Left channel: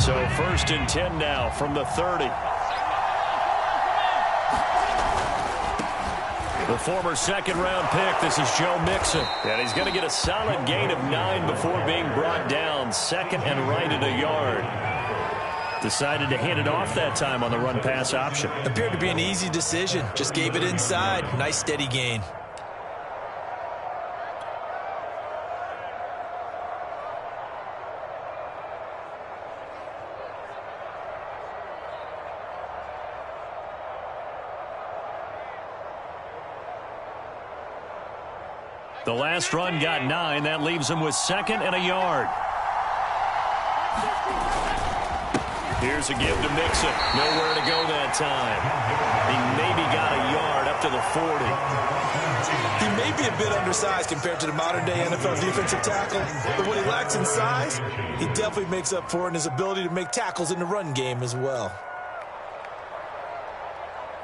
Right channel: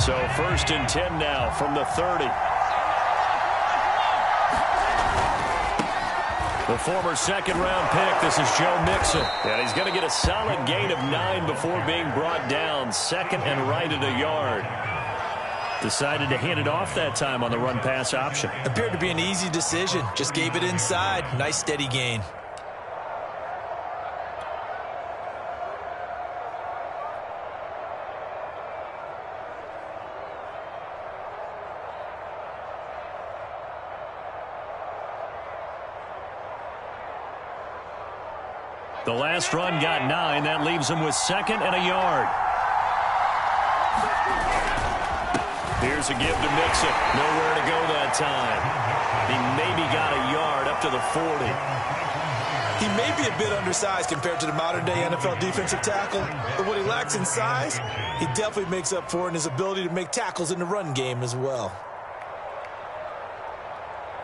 So 1st and 10 now from the 30. The former second-round pick, this is Joe Mixon. And he's going to get a solid gain of 9 before being brought down. Second and right at a yard. Decided to hand it off that time on the run-pass option. Appeared to be an easy decision. Just gave it inside. Nice steady gain. The last run got 9. That leaves him with 2nd and a yard. Here's a give to Mixon. Nowhere to go that time. He maybe got a yard up to the 40. He may be a bit undersized compared to the modern-day NFL defensive tackle, but what he lacks in size, he definitely makes up for in his ability to make tackles in the run game as well.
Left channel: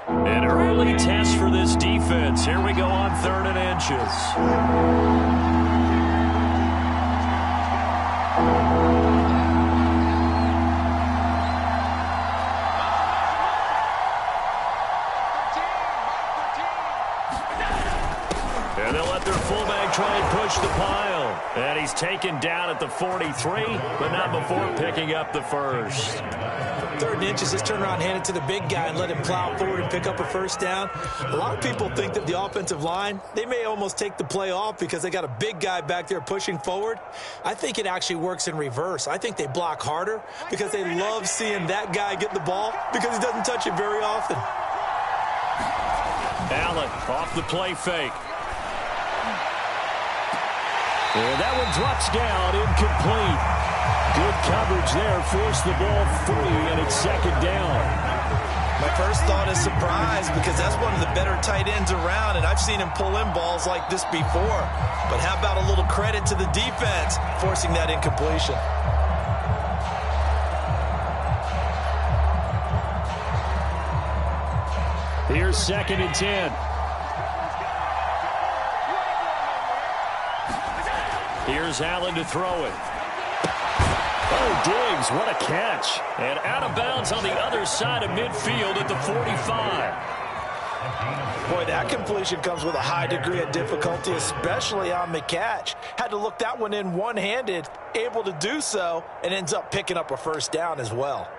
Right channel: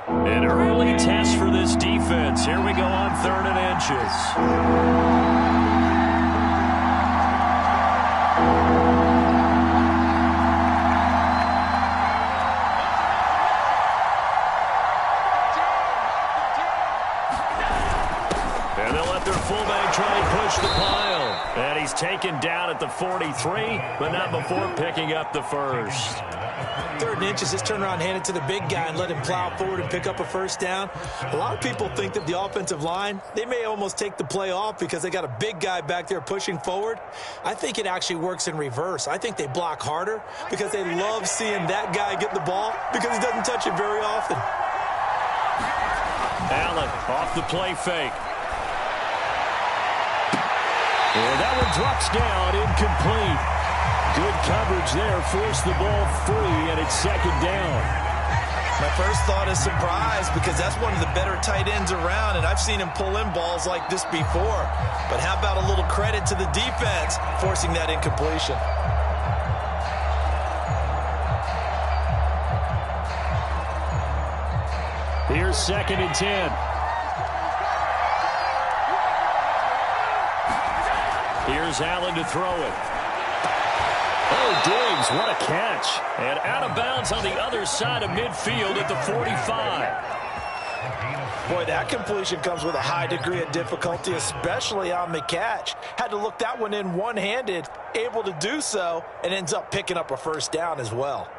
An early test for this defense. Here we go on 3rd and inches. And they'll let their fullback try and push the pile. And he's taken down at the 43, but not before picking up the first. 3rd and inches, just turn around, hand it to the big guy and let him plow forward and pick up a first down. A lot of people think that the offensive line, they may almost take the play off because they got a big guy back there pushing forward. I think it actually works in reverse. I think they block harder because they love seeing that guy get the ball because he doesn't touch it very often. Allen off the play fake. And that one drops down, incomplete. Good coverage there, forced the ball free, and it's 2nd down. My first thought is surprise because that's one of the better tight ends around, and I've seen him pull in balls like this before. But how about a little credit to the defense forcing that incompletion? Here's 2nd and 10. Here's Allen to throw it. Oh, Diggs, what a catch. And out of bounds on the other side of midfield at the 45. Boy, that completion comes with a high degree of difficulty, especially on the catch. Had to look that one in one-handed, able to do so, and ends up picking up a first down as well.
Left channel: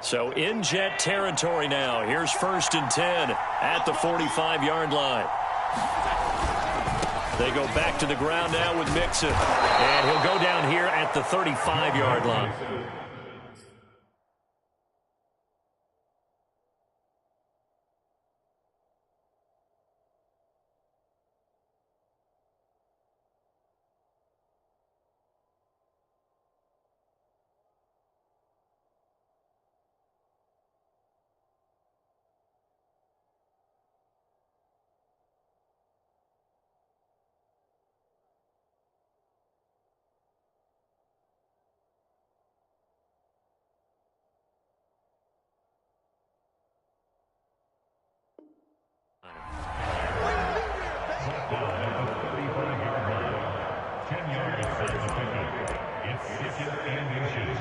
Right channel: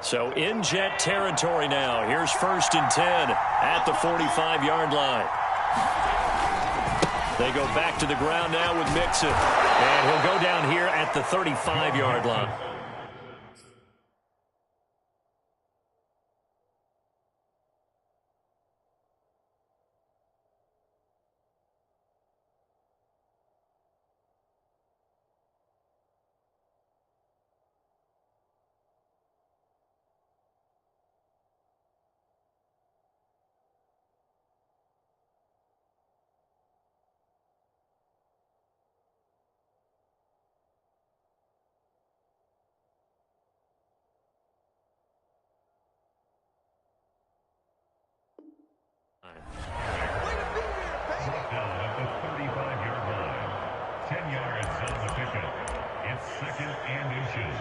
So in Jet territory now. Here's 1st and 10 at the 45-yard line. They go back to the ground now with Mixon. And he'll go down here at the 35-yard line. Down at the 35-yard line. 10 yards on the pickup. It's 2nd and inches.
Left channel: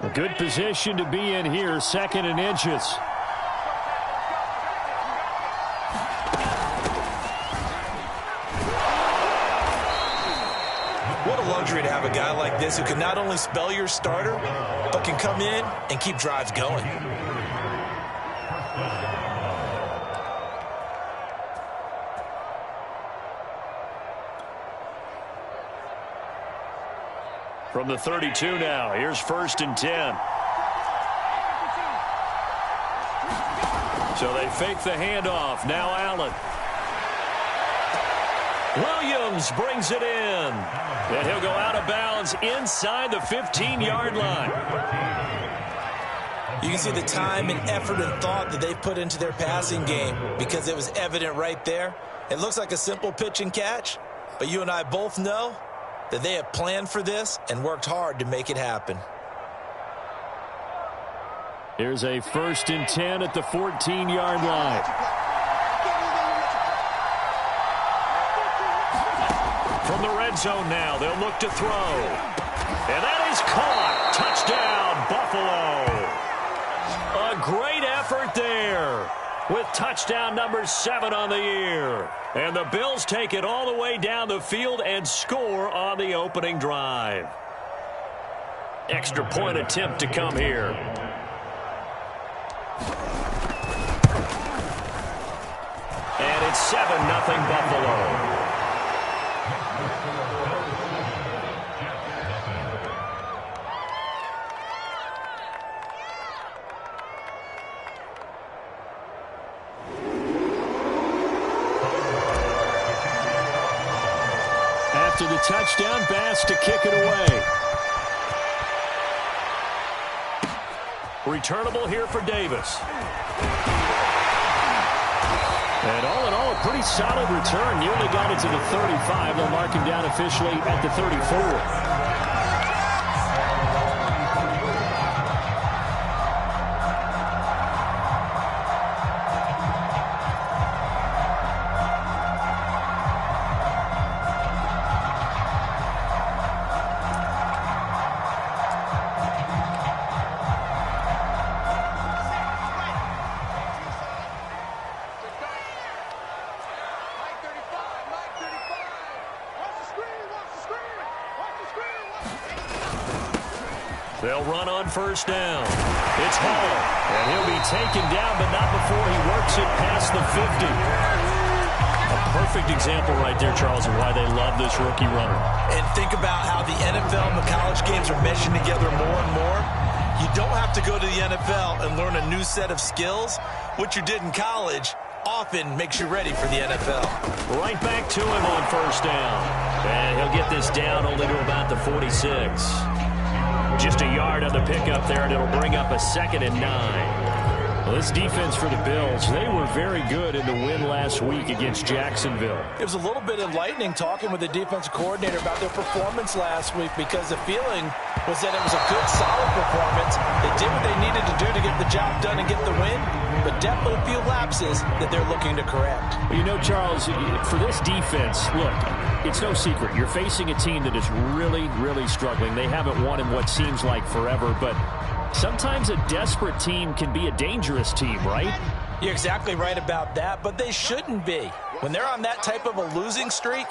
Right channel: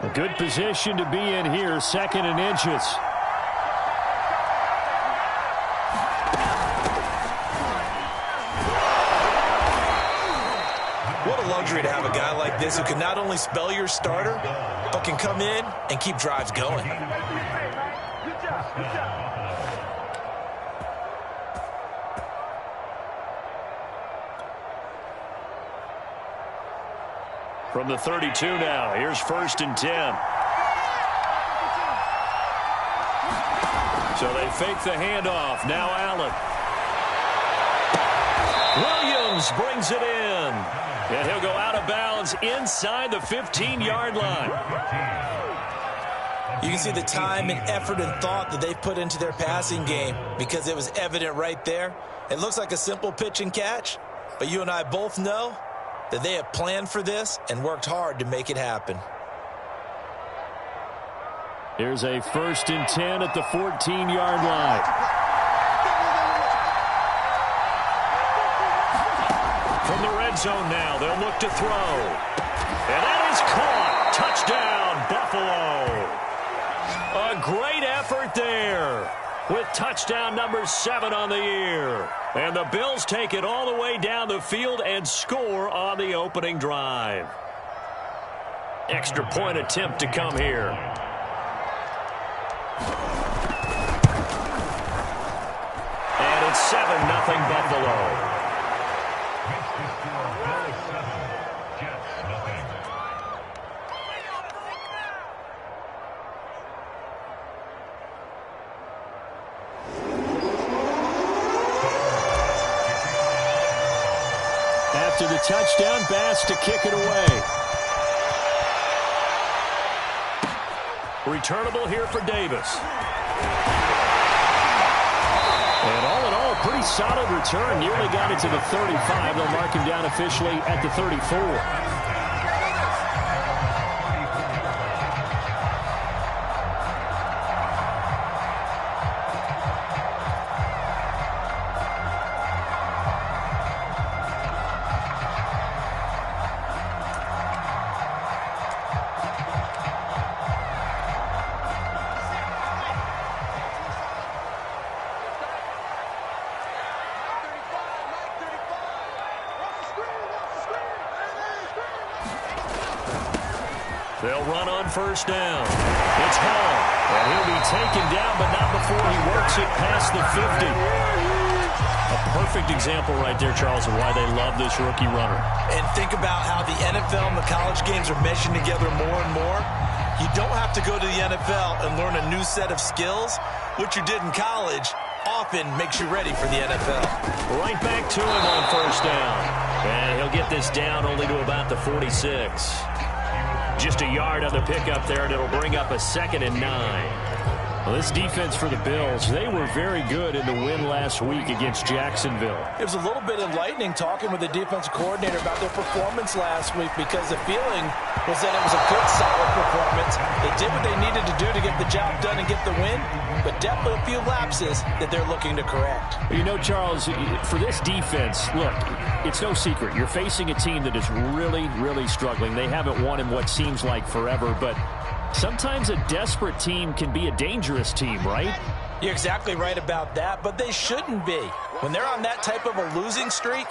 A good position to be in here, 2nd and inches. What a luxury to have a guy like this who can not only spell your starter, but can come in and keep drives going. From the 32 now, here's 1st and 10. So they fake the handoff. Now Allen. Williams brings it in. And he'll go out of bounds inside the 15-yard line. You can see the time and effort and thought that they've put into their passing game because it was evident right there. It looks like a simple pitch and catch, but you and I both know that they have planned for this and worked hard to make it happen. Here's a 1st and 10 at the 14-yard line. From the red zone now, they'll look to throw. And that is caught. Touchdown, Buffalo. A great effort there with touchdown number 7 on the year. And the Bills take it all the way down the field and score on the opening drive. Extra point attempt to come here. And it's 7-0 Buffalo. After the touchdown, Bass to kick it away. Returnable here for Davis. And all in all, a pretty solid return. Nearly got it to the 35. They'll mark him down officially at the 34. They'll run on 1st down. It's Hall, and he'll be taken down, but not before he works it past the 50. A perfect example right there, Charles, of why they love this rookie runner. And think about how the NFL and the college games are meshing together more and more. You don't have to go to the NFL and learn a new set of skills. What you did in college often makes you ready for the NFL. Right back to him on 1st down. And he'll get this down only to about the 46. Just a yard on the pickup there, and it'll bring up a 2nd and 9. Well, this defense for the Bills, they were very good in the win last week against Jacksonville. It was a little bit enlightening talking with the defensive coordinator about their performance last week, because the feeling was that it was a good, solid performance. They did what they needed to do to get the job done and get the win, but definitely a few lapses that they're looking to correct. Well, you know, Charles, for this defense, look, it's no secret. You're facing a team that is really, really struggling. They haven't won in what seems like forever, but sometimes a desperate team can be a dangerous team, right? You're exactly right about that, but they shouldn't be. When they're on that type of a losing streak,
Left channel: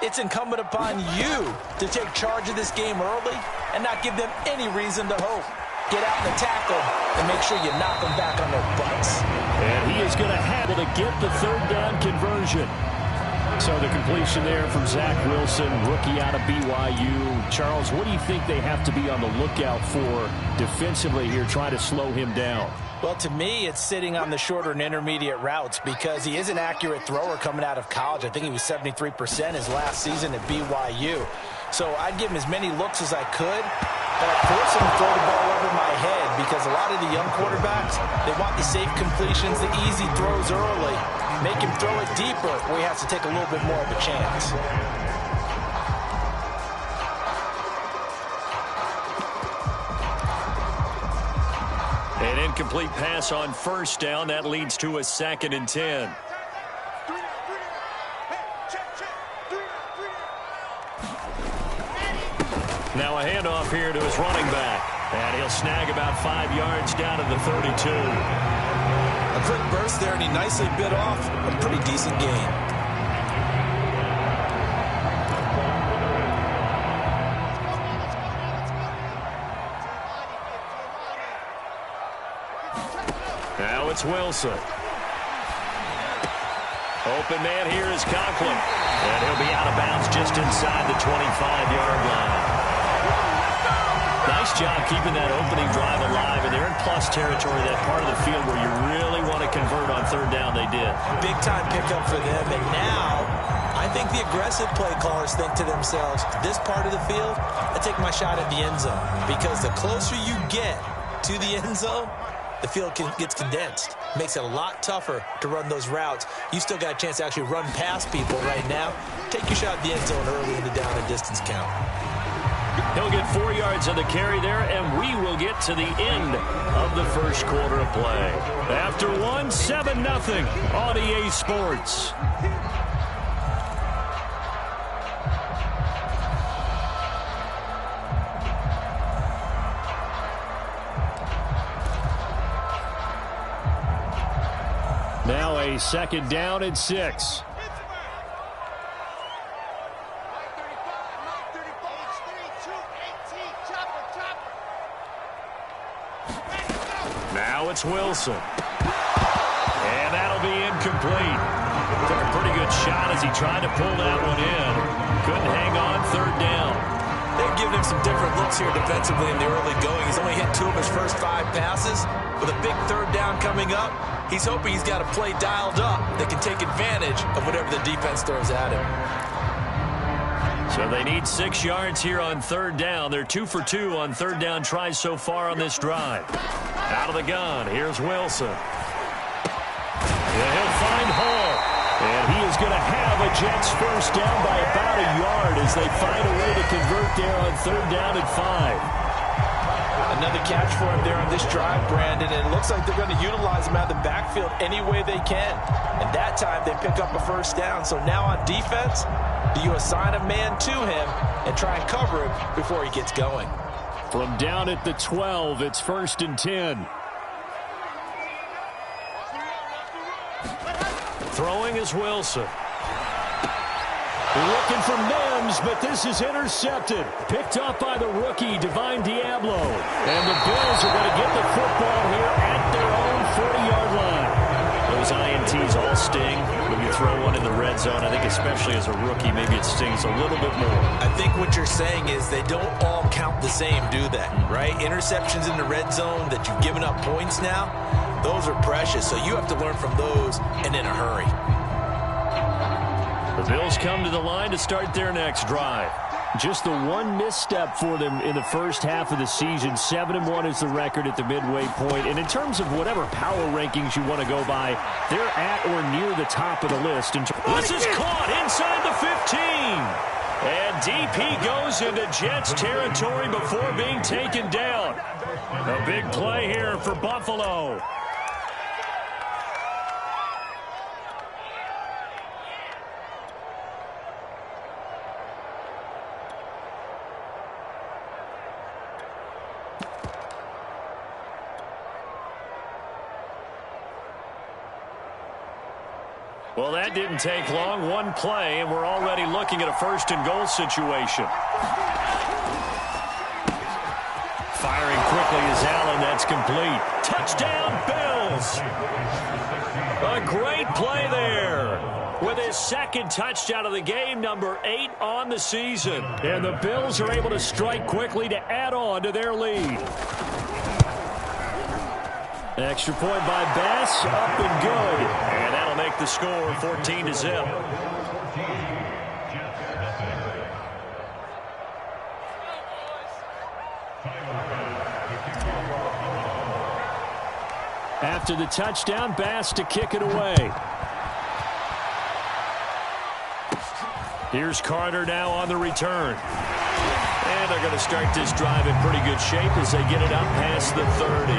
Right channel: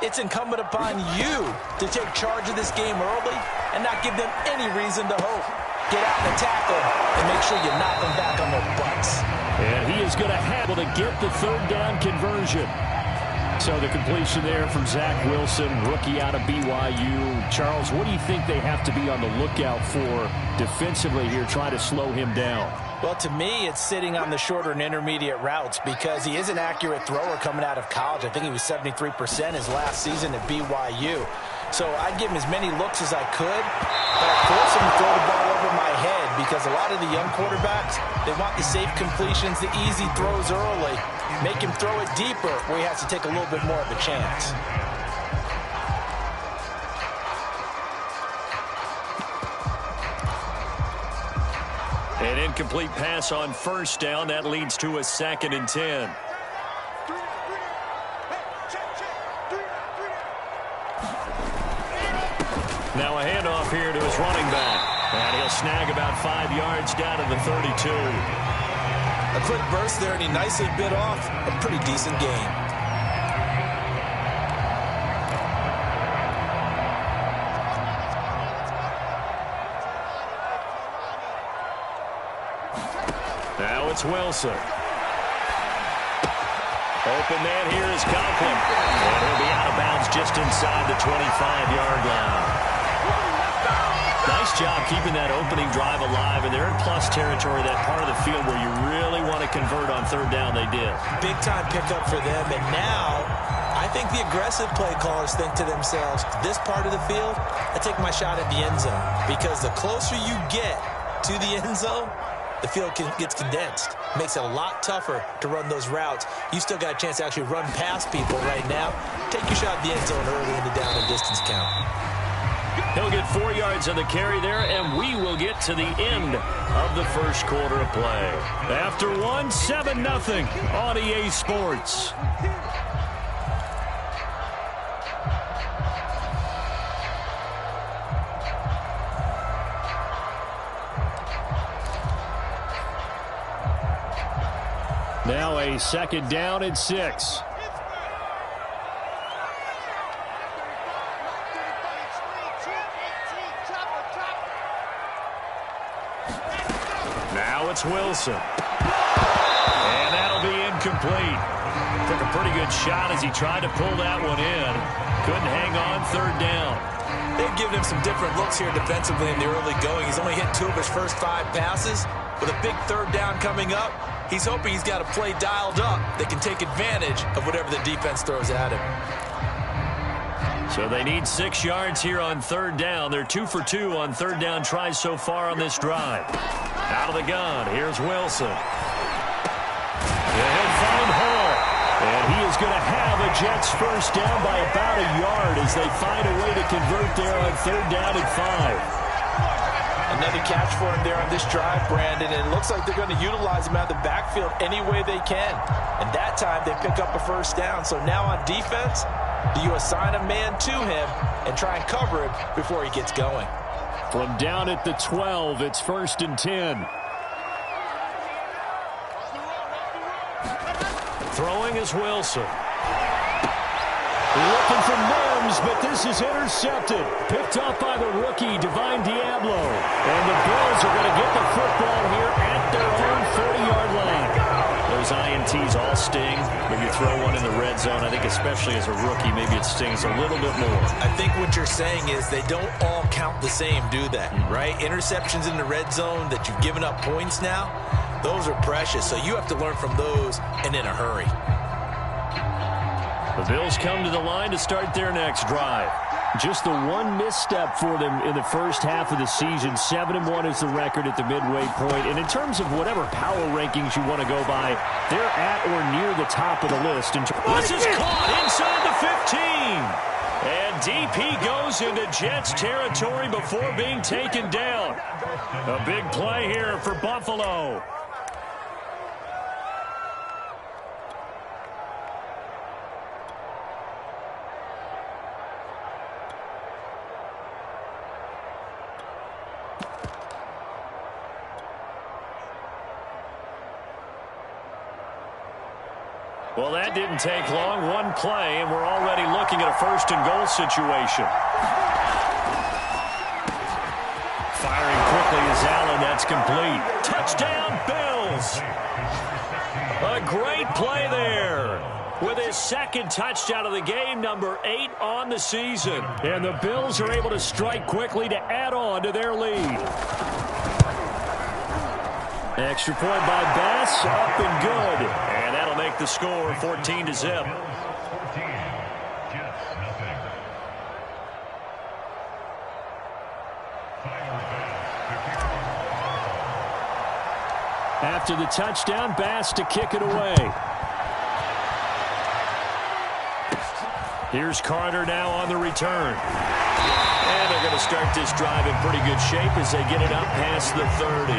it's incumbent upon you to take charge of this game early and not give them any reason to hope. Get out and attack them and make sure you knock them back on their butts. And he is going to have to get the 3rd down conversion. So the completion there from Zach Wilson, rookie out of BYU. Charles, what do you think they have to be on the lookout for defensively here, trying to slow him down? Well, to me, it's sitting on the shorter and intermediate routes, because he is an accurate thrower coming out of college. I think he was 73% his last season at BYU. So I'd give him as many looks as I could, but I'd force him to throw the ball over my head, because a lot of the young quarterbacks, they want the safe completions, the easy throws early. Make him throw it deeper where he has to take a little bit more of a chance. An incomplete pass on 1st down. That leads to a 2nd and 10. Now a handoff here to his running back. And he'll snag about 5 yards down to the 32. A quick burst there, and he nicely bit off a pretty decent gain. Now it's Wilson. Open man here is Conklin. And he'll be out of bounds just inside the 25-yard line. Nice job keeping that opening drive alive, and they're in plus territory, that part of the field where you really want to convert on 3rd down. They did. Big-time pickup for them, and now I think the aggressive play callers think to themselves, this part of the field, I take my shot at the end zone, because the closer you get to the end zone, the field gets condensed. Makes it a lot tougher to run those routes. You still got a chance to actually run past people right now. Take your shot at the end zone early in the down and distance count. He'll get 4 yards on the carry there, and we will get to the end of the first quarter of play. After 7-0 on EA Sports. Now a second down and 6. Now it's Wilson. And that'll be incomplete. Took a pretty good shot as he tried to pull that one in. Couldn't hang on, third down. They've given him some different looks here defensively in the early going. He's only hit 2 of his first 5 passes. With a big third down coming up, he's hoping he's got a play dialed up that can take advantage of whatever the defense throws at him. So they need 6 yards here on third down. They're 2 for 2 on third down tries so far on this drive. Out of the gun, here's Wilson. And he'll find Hall. And he is going to have a Jets first down by about a yard as they find a way to convert there on third down and 5. Another catch for him there on this drive, Brandon, and it looks like they're going to utilize him out of the backfield any way they can. And that time they pick up a first down. So now on defense, do you assign a man to him and try and cover him before he gets going? From down at the 12, it's 1st and 10. Throwing is Wilson. Looking for Mims, but this is intercepted. Picked up by the rookie, Divine Diablo. And the Bills are going to get the football here at their own 40-yard line. Those INTs all sting, but you throw one in the red zone. I think especially as a rookie, maybe it stings a little bit more. I think what you're saying is they don't all count the same, do they? Right? Interceptions in the red zone that you've given up points now, those are precious. So you have to learn from those and in a hurry. The Bills come to the line to start their next drive. Just the one misstep for them in the first half of the season. 7-1 is the record at the midway point. And in terms of whatever power rankings you want to go by, they're at or near the top of the list. This is caught inside the 15. And DP goes into Jets territory before being taken down. A big play here for Buffalo. Well, that didn't take long. One play, and we're already looking at a 1st and goal situation. Firing quickly is Allen. That's complete. Touchdown, Bills. A great play there. With his 2nd touchdown of the game, number 8 on the season. And the Bills are able to strike quickly to add on to their lead. Extra point by Bass, up and good. And that'll make the score 14-0. After the touchdown, Bass to kick it away. Here's Carter now on the return. And they're going to start this drive in pretty good shape as they get it up past the 30.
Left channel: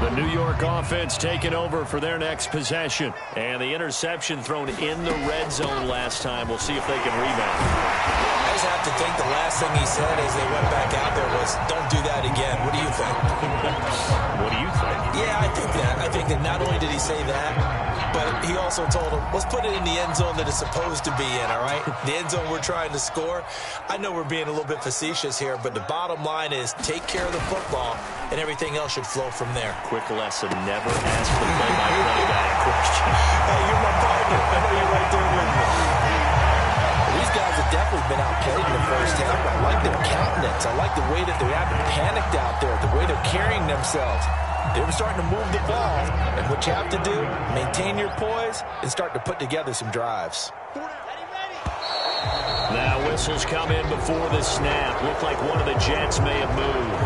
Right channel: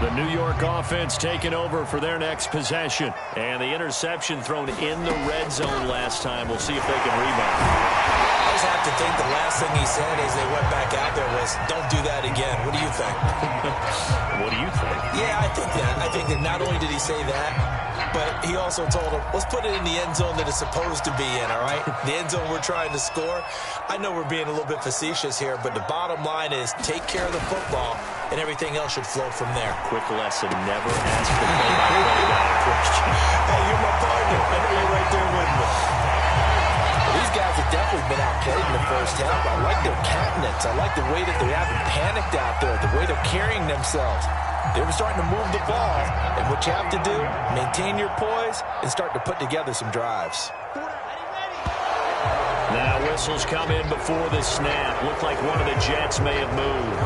The New York offense taking over for their next possession. And the interception thrown in the red zone last time. We'll see if they can rebound. I just have to think the last thing he said as they went back out there was, don't do that again. What do you think? What do you think? Yeah, I think that. I think that not only did he say that, but he also told him, let's put it in the end zone that it's supposed to be in, all right? The end zone we're trying to score. I know we're being a little bit facetious here, but the bottom line is take care of the football, and everything else should flow from there. Quick lesson, never ask the play-by-play guy a question. Hey, you're my partner. I know you're right there with me. These guys have definitely been outplayed in the first half. I like their countenance. I like the way that they haven't panicked out there, the way they're carrying themselves. They're starting to move the ball, and what you have to do, maintain your poise and start to put together some drives. Now whistles come in before the snap. Looked like one of the Jets may have moved.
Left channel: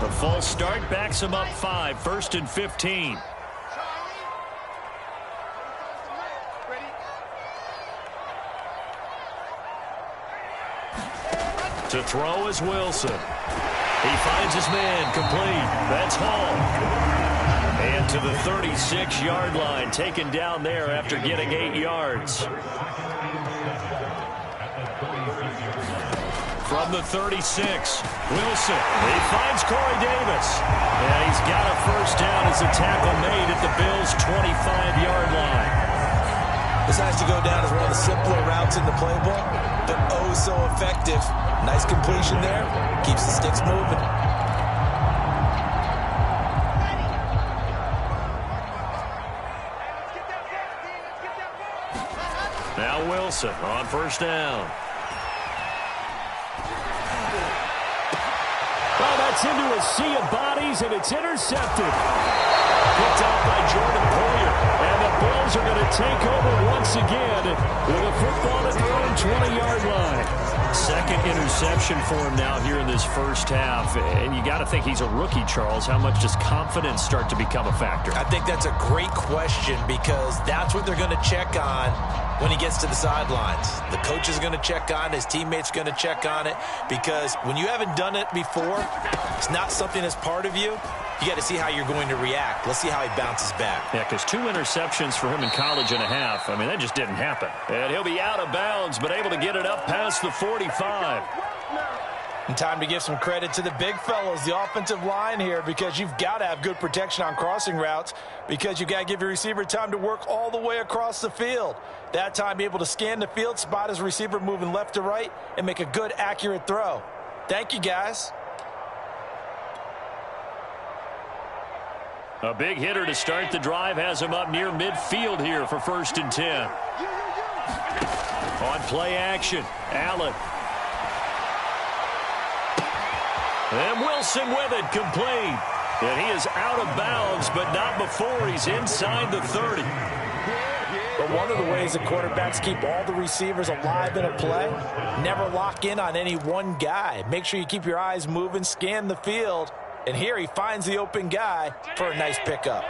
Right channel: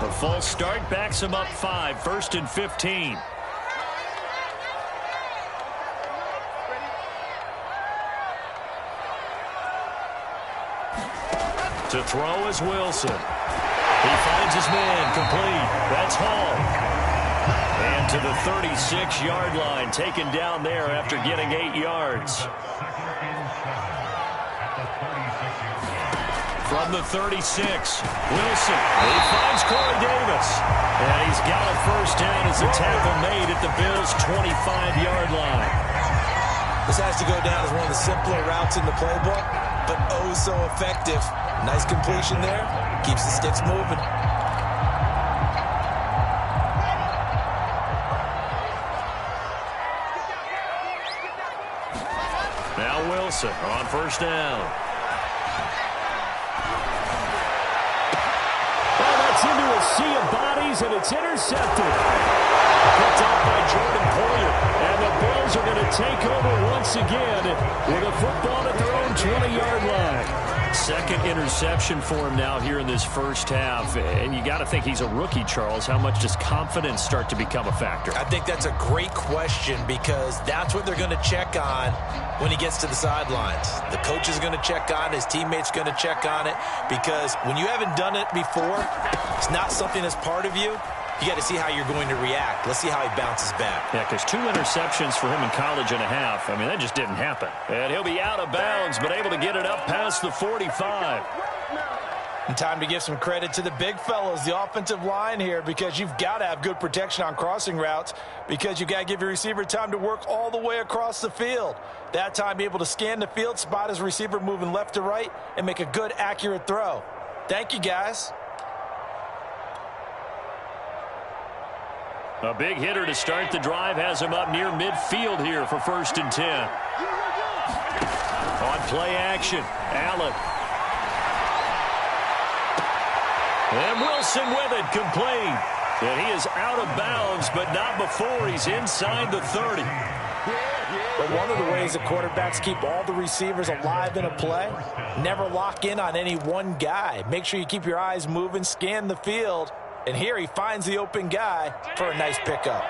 The false start backs him up 5, 1st and 15. To throw is Wilson. He finds his man, complete. That's Hall. And to the 36-yard line, taken down there after getting 8 yards. From the 36, Wilson. He finds Corey Davis. And he's got a first down as the tackle made at the Bills' 25-yard line. This has to go down as one of the simpler routes in the playbook, but oh so effective. Nice completion there. Keeps the sticks moving. Now Wilson on first down. Oh, that's into a sea of bodies, and it's intercepted. Picked off by Jordan Poyer. And the Bills are going to take over once again with a football at their own 20-yard line. Second interception for him now here in this first half. And you got to think he's a rookie, Charles. How much does confidence start to become a factor? I think that's a great question because that's what they're going to check on when he gets to the sidelines. The coach is going to check on it. His teammates going to check on it because when you haven't done it before, it's not something that's part of you. You got to see how you're going to react. Let's see how he bounces back. Yeah, because 2 interceptions for him in college and a half. I mean, that just didn't happen. And he'll be out of bounds, but able to get it up past the 45. And time to give some credit to the big fellows, the offensive line here, because you've got to have good protection on crossing routes because you've got to give your receiver time to work all the way across the field. That time, be able to scan the field, spot his receiver moving left to right, and make a good, accurate throw. Thank you, guys. A big hitter to start the drive has him up near midfield here for 1st and 10. On play action, Allen. And Wilson with it, complete. And he is out of bounds, but not before he's inside the 30. But one of the ways that quarterbacks keep all the receivers alive in a play, never lock in on any one guy. Make sure you keep your eyes moving, scan the field. And here he finds the open guy for a nice pickup.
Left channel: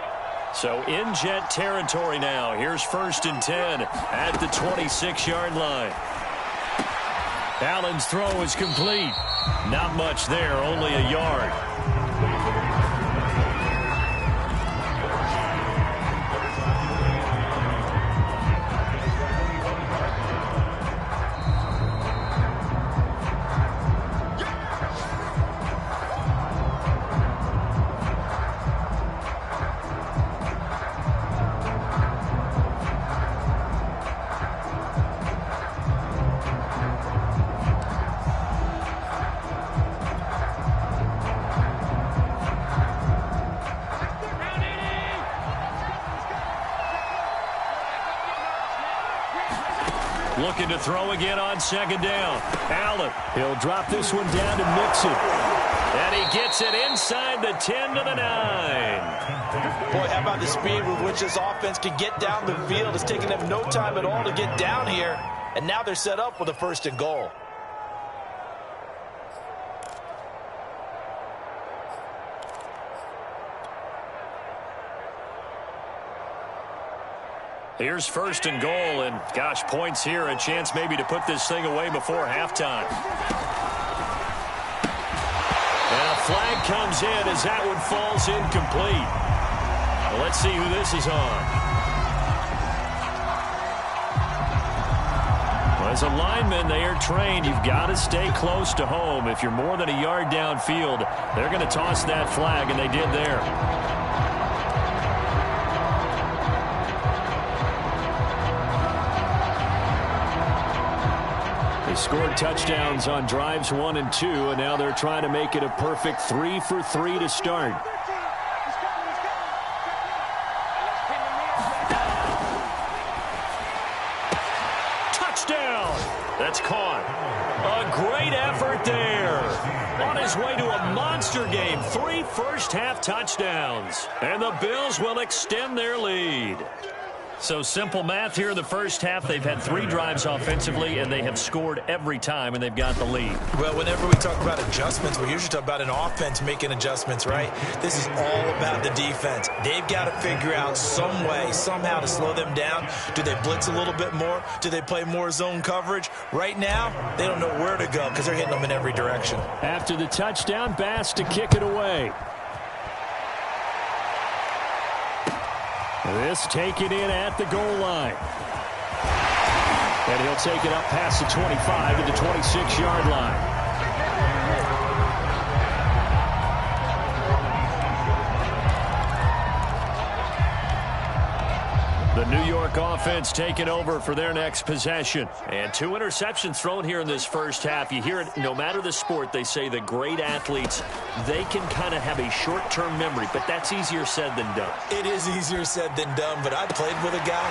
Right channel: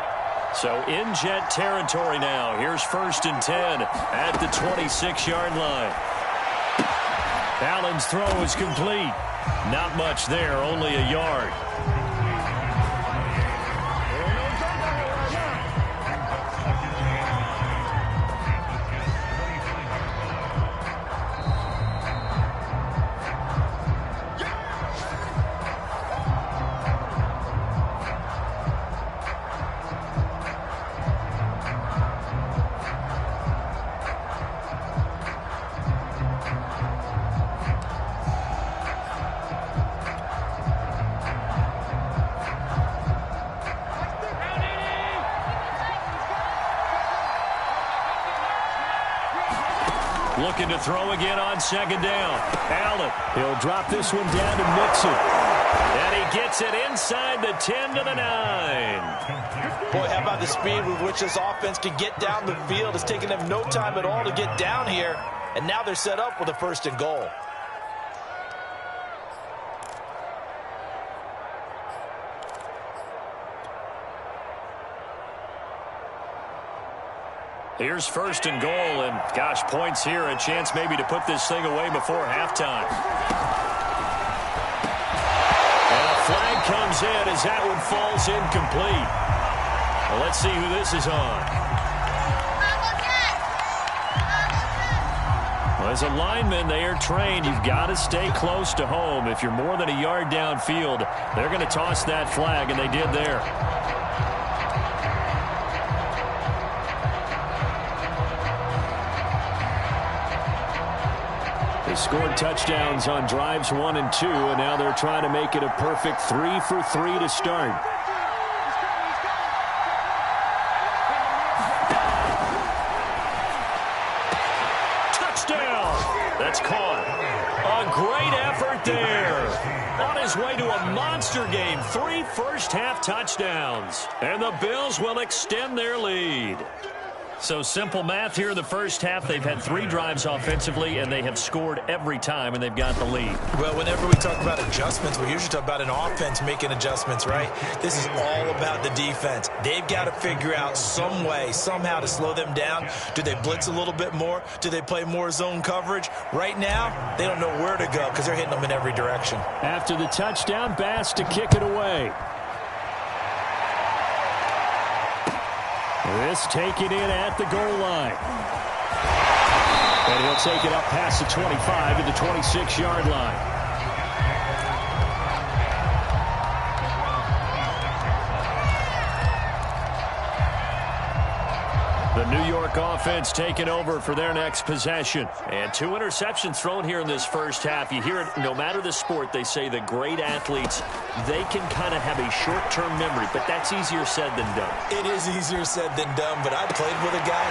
So in Jet territory now. Here's 1st and 10 at the 26-yard line. Allen's throw is complete. Not much there, only a yard. Looking to throw again on 2nd down. Allen, he'll drop this one down to Mixon. And he gets it inside the 10 to the 9. Boy, how about the speed with which this offense can get down the field? It's taking them no time at all to get down here. And now they're set up with a 1st and goal. Here's 1st and goal, and gosh, points here, a chance maybe to put this thing away before halftime. And a flag comes in as that one falls incomplete. Well, let's see who this is on. Well, as a lineman, they are trained. You've got to stay close to home. If you're more than a yard downfield, they're going to toss that flag, and they did there. They scored touchdowns on drives 1 and 2, and now they're trying to make it a perfect 3 for 3 to start. Touchdown! That's caught. A great effort there. On his way to a monster game, 3 first-half touchdowns. And the Bills will extend their lead. So simple math here in the first half. They've had 3 drives offensively, and they have scored every time, and they've got the lead. Well, whenever we talk about adjustments, we usually talk about an offense making adjustments, right? This is all about the defense. They've got to figure out some way, somehow to slow them down. Do they blitz a little bit more? Do they play more zone coverage? Right now, they don't know where to go because they're hitting them in every direction. After the touchdown, Bass to kick it away. This taken in at the goal line. And he'll take it up past the 25 to the 26-yard line. The New York offense taking over for their next possession. And 2 interceptions thrown here in this first half. You hear it, no matter the sport, they say the great athletes, they can kind of have a short-term memory, but that's easier said than done. It is easier said than done, but I played with a guy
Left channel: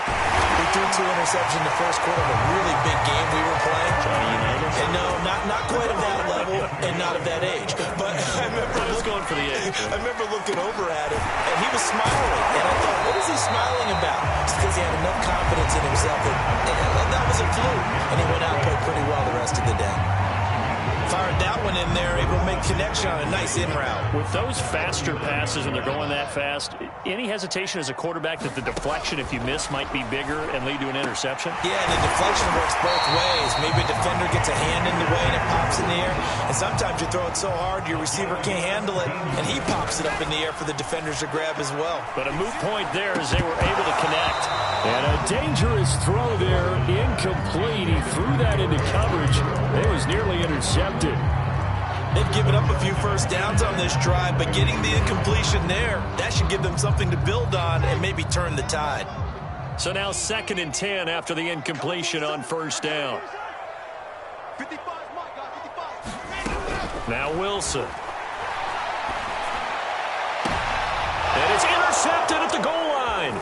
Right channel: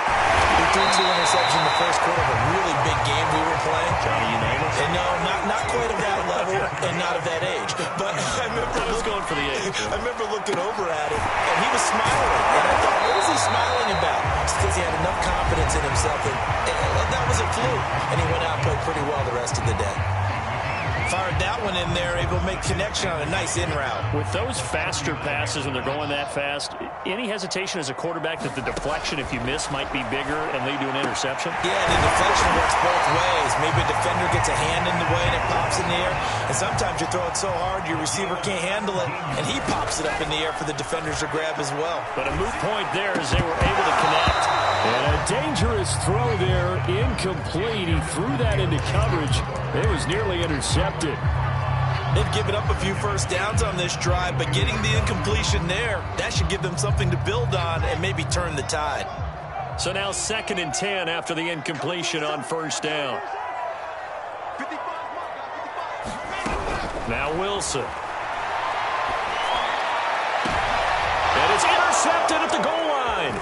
who threw 2 interceptions in the first quarter of a really big game we were playing. Johnny Unitas? And no, not quite of that level and not of that age. But I was going for the age. I remember looking over at him, and he was smiling. And I thought, what is he smiling about? Because he had enough confidence in himself that was a fluke. And he went out and played pretty well the rest of the day. Fired that one in there, able to make connection on a nice in route. With those faster passes when they're going that fast, any hesitation as a quarterback that the deflection, if you miss, might be bigger and lead to an interception? Yeah, and the deflection works both ways. Maybe a defender gets a hand in the way and it pops in the air. And sometimes you throw it so hard your receiver can't handle it, and he pops it up in the air for the defenders to grab as well. But a moot point there as they were able to connect. And a dangerous throw there, incomplete. He threw that into coverage. It was nearly intercepted. They've given up a few first downs on this drive, but getting the incompletion there, that should give them something to build on and maybe turn the tide. So now 2nd and 10 after the incompletion on first down. Now Wilson. And it's intercepted at the goal line.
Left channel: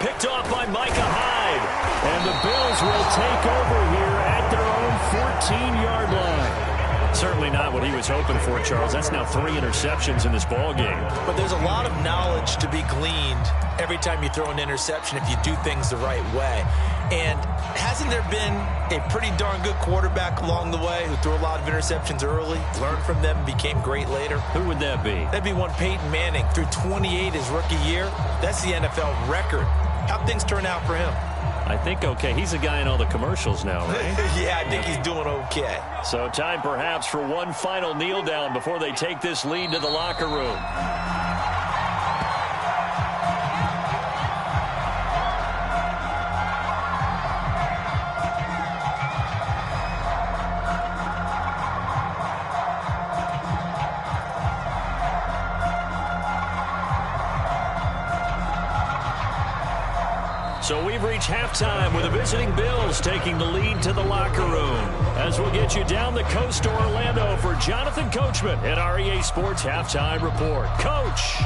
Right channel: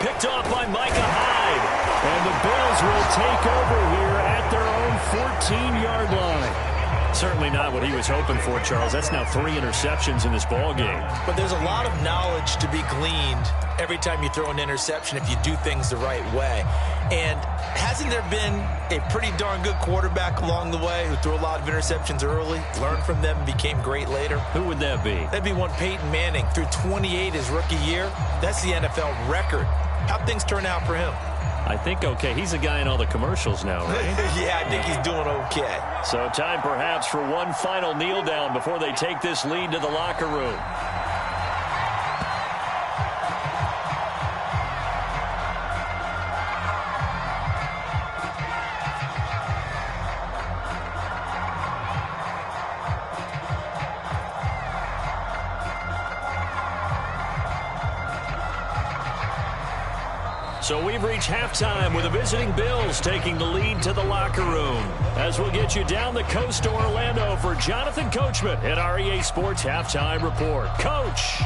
Picked off by Micah Hyde. And the Bills will take over here at their own 14-yard line. Certainly not what he was hoping for, Charles. That's now 3 interceptions in this ball game. But there's a lot of knowledge to be gleaned every time you throw an interception if you do things the right way. And hasn't there been a pretty darn good quarterback along the way who threw a lot of interceptions early, learned from them, and became great later? Who would that be? That'd be one Peyton Manning. Threw 28 his rookie year. That's the NFL record. How'd things turn out for him? I think okay. He's a guy in all the commercials now, right? Yeah, I think he's doing okay. So time perhaps for one final kneel down before they take this lead to the locker room. So we've reached halftime with the visiting Bills taking the lead to the locker room. As we'll get you down the coast to Orlando for Jonathan Coachman at our EA Sports Halftime Report. Coach.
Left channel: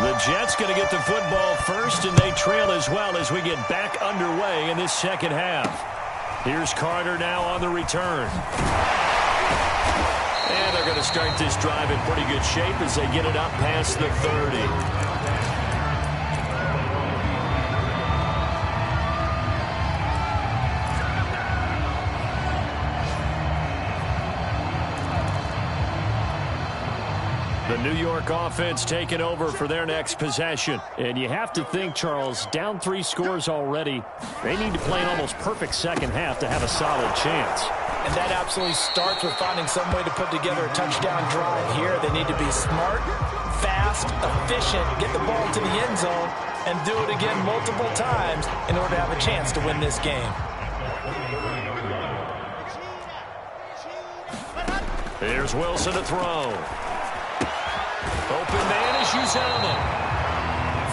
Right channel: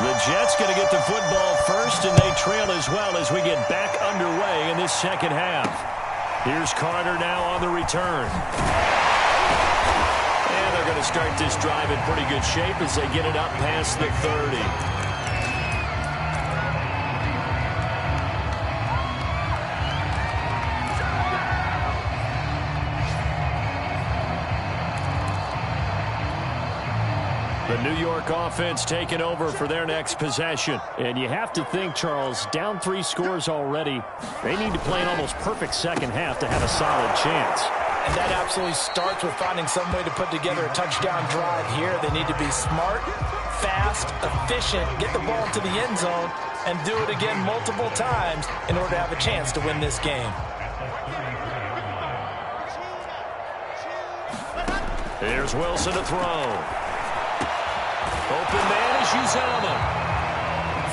The Jets going to get the football first, and they trail as well as we get back underway in this second half. Here's Carter now on the return. And they're going to start this drive in pretty good shape as they get it up past the 30. The New York offense taking over for their next possession. And you have to think, Charles, down 3 scores already. They need to play an almost perfect second half to have a solid chance. And that absolutely starts with finding some way to put together a touchdown drive here. They need to be smart, fast, efficient, get the ball to the end zone, and do it again multiple times in order to have a chance to win this game. Here's Wilson to throw. Open man is Uzama.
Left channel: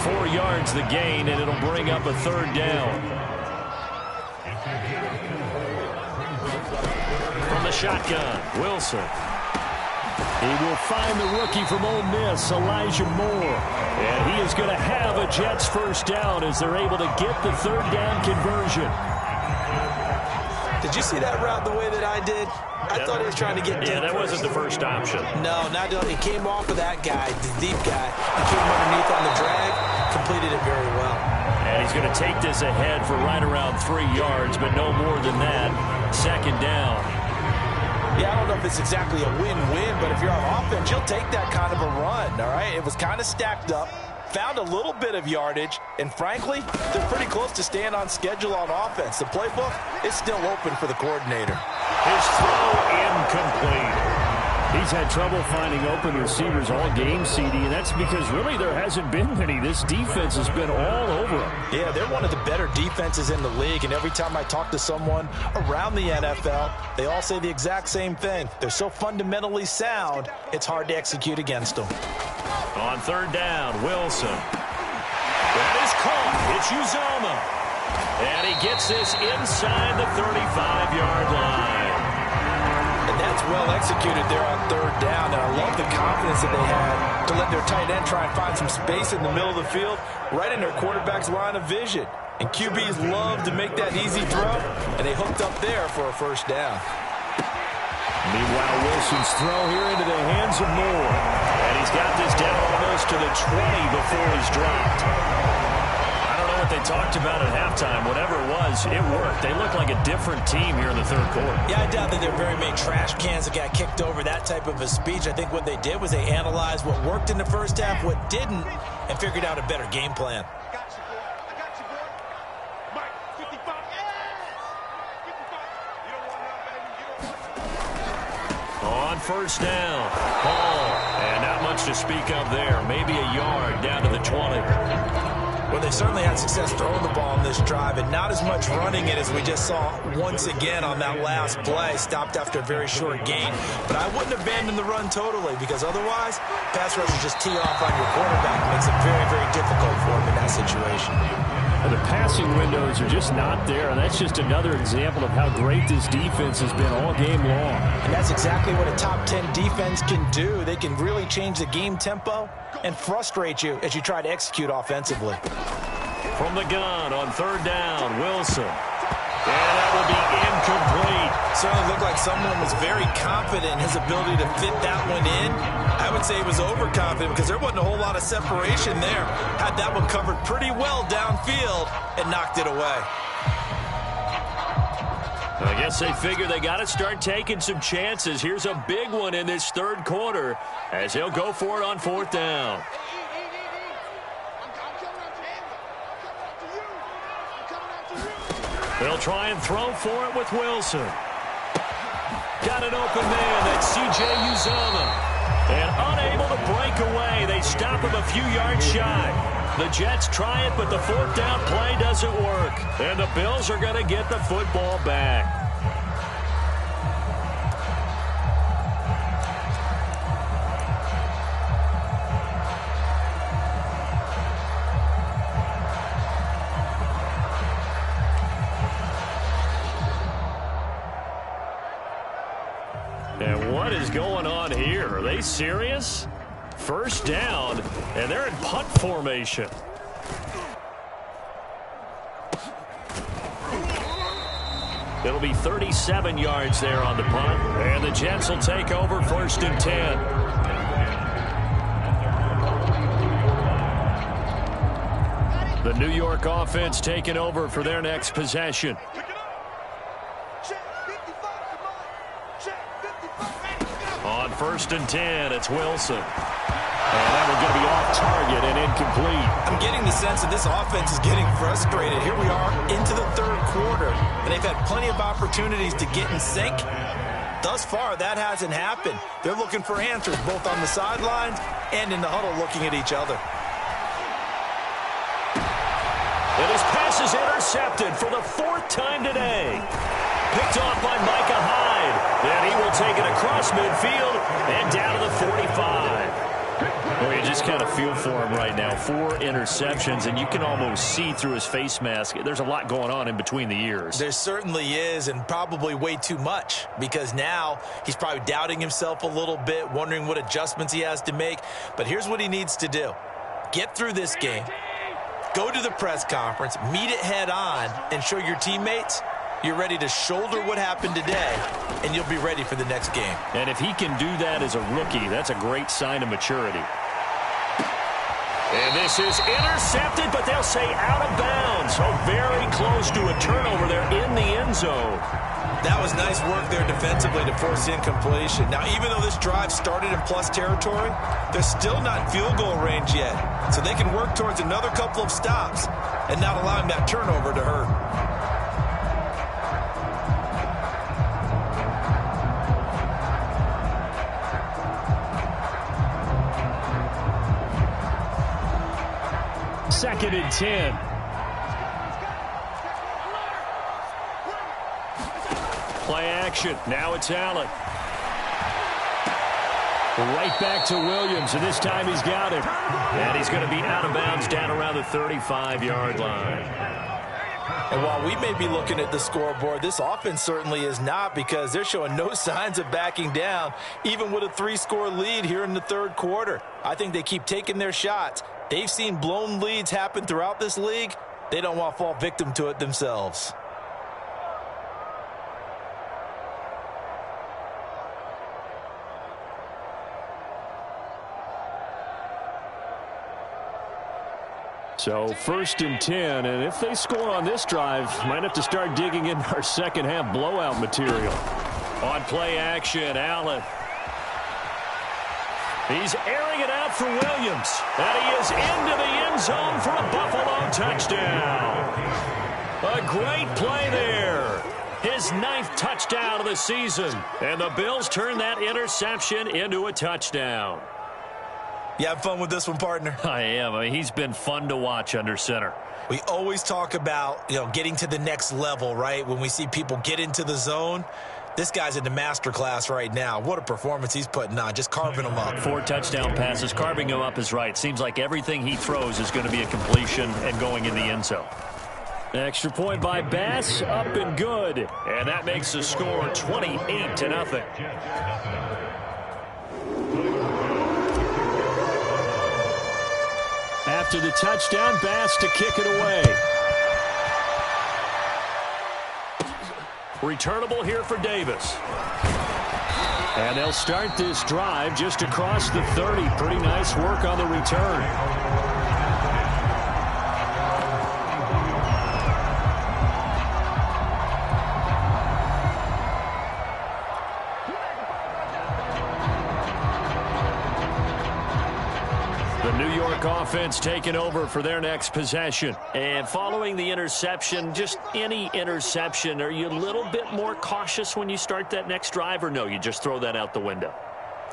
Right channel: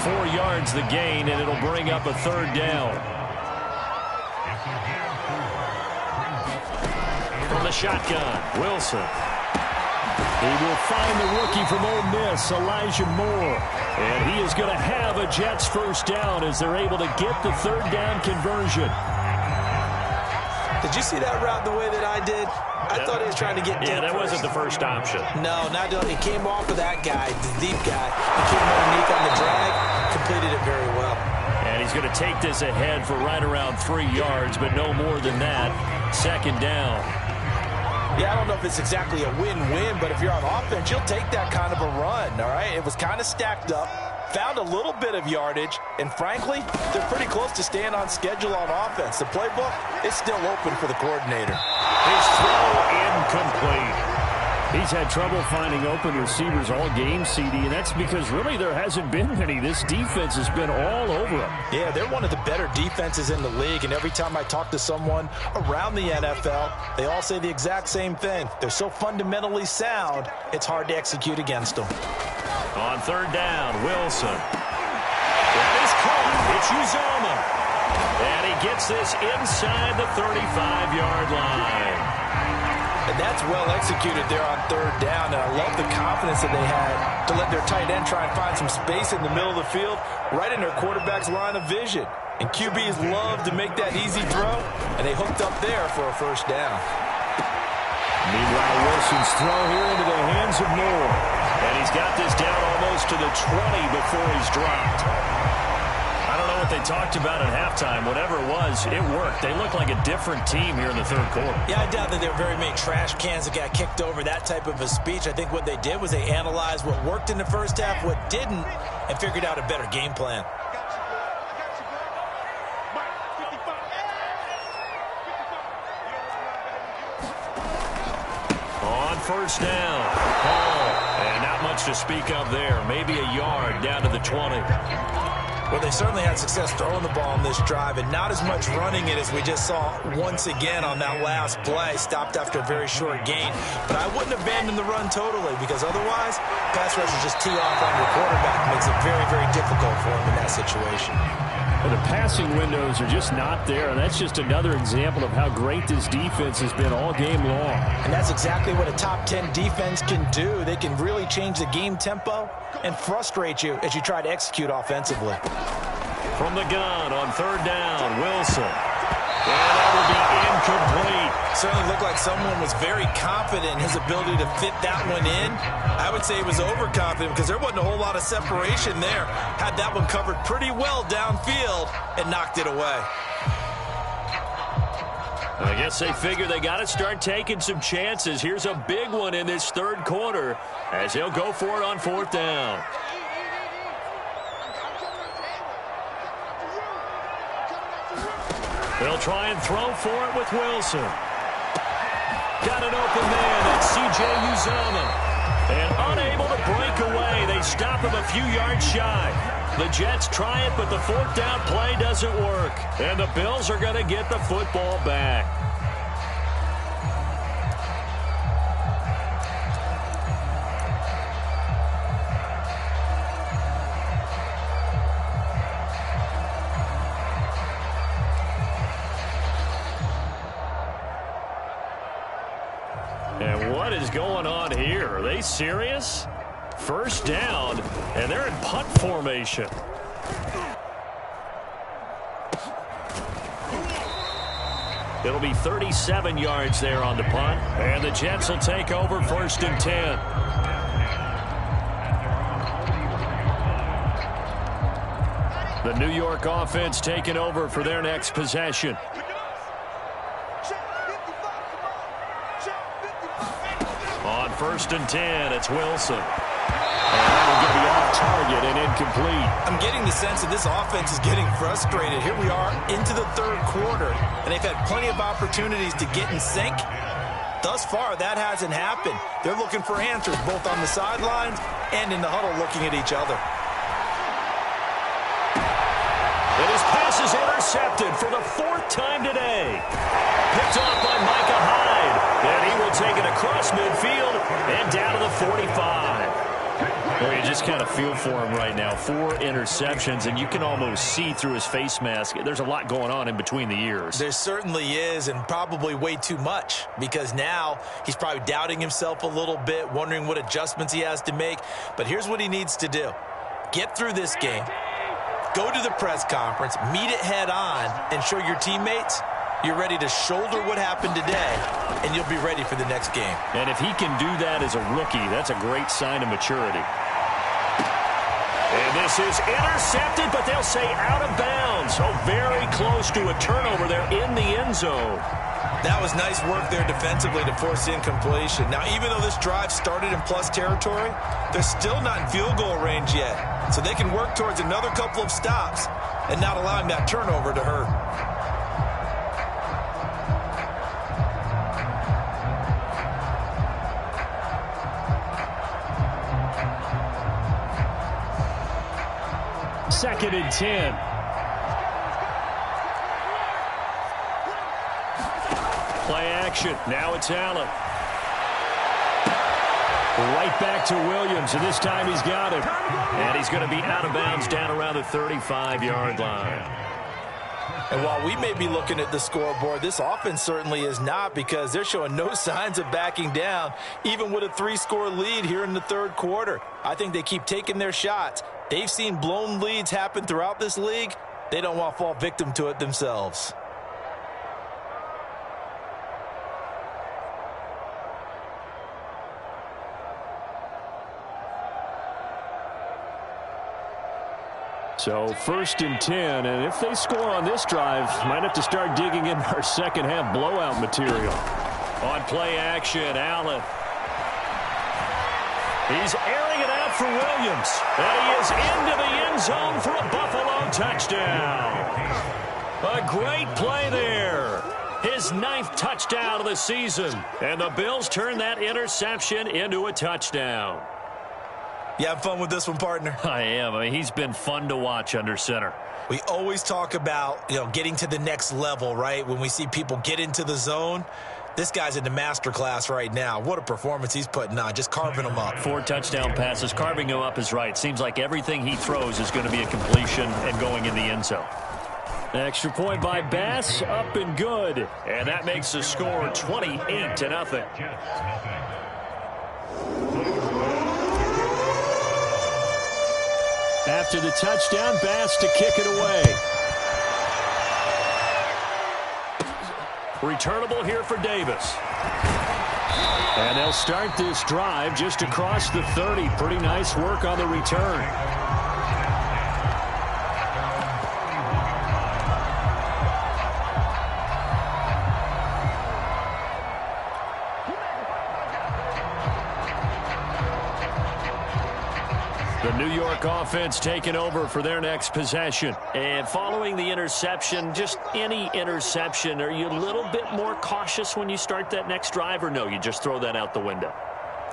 4 yards the gain, and it'll bring up a 3rd down. From the shotgun, Wilson. He will find the rookie from Ole Miss, Elijah Moore. And he is going to have a Jets first down as they're able to get the third down conversion. Did you see that route the way that I did? I thought he was trying to get deep. Yeah, that wasn't the first option. No, not he came off of that guy, the deep guy. He came underneath on the drag, completed it very well. And he's going to take this ahead for right around 3 yards, but no more than that. Second down. Yeah, I don't know if it's exactly a win-win, but if you're on offense, you'll take that kind of a run, all right? It was kind of stacked up, found a little bit of yardage, and frankly, they're pretty close to staying on schedule on offense. The playbook is still open for the coordinator. His throw incomplete. He's had trouble finding open receivers all game, CD, and that's because really there hasn't been many. This defense has been all over him. Yeah, they're one of the better defenses in the league, and every time I talk to someone around the NFL, they all say the exact same thing. They're so fundamentally sound, it's hard to execute against them. On third down, Wilson. That is caught. It's Uzomah. And he gets this inside the 35-yard line. And that's well executed there on third down. And I love the confidence that they had to let their tight end try and find some space in the middle of the field, right in their quarterback's line of vision. And QBs love to make that easy throw, and they hooked up there for a first down. Meanwhile, Wilson's throw here into the hands of Moore. And he's got this down almost to the 20 before he's dropped. I don't know what they talked about at halftime. Whatever it was, it worked. They look like a different team here in the third quarter. Yeah, I doubt that there were very many trash cans that got kicked over, that type of a speech. I think what they did was they analyzed what worked in the first half, what didn't, and figured out a better game plan. On first down, Hall. And not much to speak of there. Maybe a yard down to the 20. Well, they certainly had success throwing the ball on this drive, and not as much running it as we just saw once again on that last play. Stopped after a very short gain. But I wouldn't abandon the run totally, because otherwise, pass rushers just tee off on your quarterback. Makes it very, very difficult for him in that situation. The passing windows are just not there, and that's just another example of how great this defense has been all game long. And that's exactly what a top 10 defense can do. They can really change the game tempo and frustrate you as you try to execute offensively. From the gun on third down, Wilson. And that will be incomplete. Certainly looked like someone was very confident in his ability to fit that one in. I would say he was overconfident because there wasn't a whole lot of separation there. Had that one covered pretty well downfield and knocked it away. I guess they figure they got to start taking some chances. Here's a big one in this third quarter as he'll go for it on fourth down. They'll try and throw for it with Wilson. Got an open man. That's C.J. Uzomah. And unable to break away. They stop him a few yards shy. The Jets try it, but the fourth down play doesn't work. And the Bills are going to get the football back. And what is going on here? Are they serious? First down, and they're in punt formation. It'll be 37 yards there on the punt, and the Jets will take over first and 10. The New York offense taking over for their next possession. On first and 10, it's Wilson. And that will going to be off target and incomplete. I'm getting the sense that this offense is getting frustrated. Here we are into the third quarter, and they've had plenty of opportunities to get in sync. Thus far, that hasn't happened. They're looking for answers both on the sidelines and in the huddle looking at each other. And his pass is intercepted for the fourth time today. Picked off by Micah Hyde. And he will take it across midfield and down to the 45. Well, you just kind of feel for him right now. 4 interceptions, and you can almost see through his face mask. There's a lot going on in between the ears. There certainly is, and probably way too much, because now he's probably doubting himself a little bit, wondering what adjustments he has to make. But here's what he needs to do. get through this game, go to the press conference, meet it head on, and show your teammates you're ready to shoulder what happened today, and you'll be ready for the next game. And if he can do that as a rookie, that's a great sign of maturity. And this is intercepted, but they'll say out of bounds. Oh, very close to a turnover there in the end zone. That was nice work there defensively to force incompletion. Now, even though this drive started in plus territory, they're still not in field goal range yet. So they can work towards another couple of stops and not allowing that turnover to hurt. Second and 10. Play action. Now it's Allen. Right back to Williams, and this time he's got him. And he's going to be out of bounds down around the 35-yard line. And while we may be looking at the scoreboard, this offense certainly is not, because they're showing no signs of backing down, even with a 3-score lead here in the third quarter. I think they keep taking their shots. They've seen blown leads happen throughout this league. They don't want to fall victim to it themselves. So first and 10, and if they score on this drive, might have to start digging in our second half blowout material. On play action, Allen. He's airing it out for Williams. And he is into the end zone for a Buffalo touchdown. A great play there. His 9th touchdown of the season. And the Bills turn that interception into a touchdown. You have fun with this one, partner? I am. I mean, he's been fun to watch under center. We always talk about, getting to the next level, right? When we see people get into the zone. This guy's in the master class right now. What a performance he's putting on, just carving them up. 4 touchdown passes. Carving him up is right. Seems like everything he throws is going to be a completion and going in the end zone. Extra point by Bass, up and good. And that makes the score 28-0. After the touchdown, Bass to kick it away. Returnable here for Davis. And they'll start this drive just across the 30. Pretty nice work on the return. The New York offense taking over for their next possession. And following the interception, just any interception, are you a little bit more cautious when you start that next drive, or no, you just throw that out the window?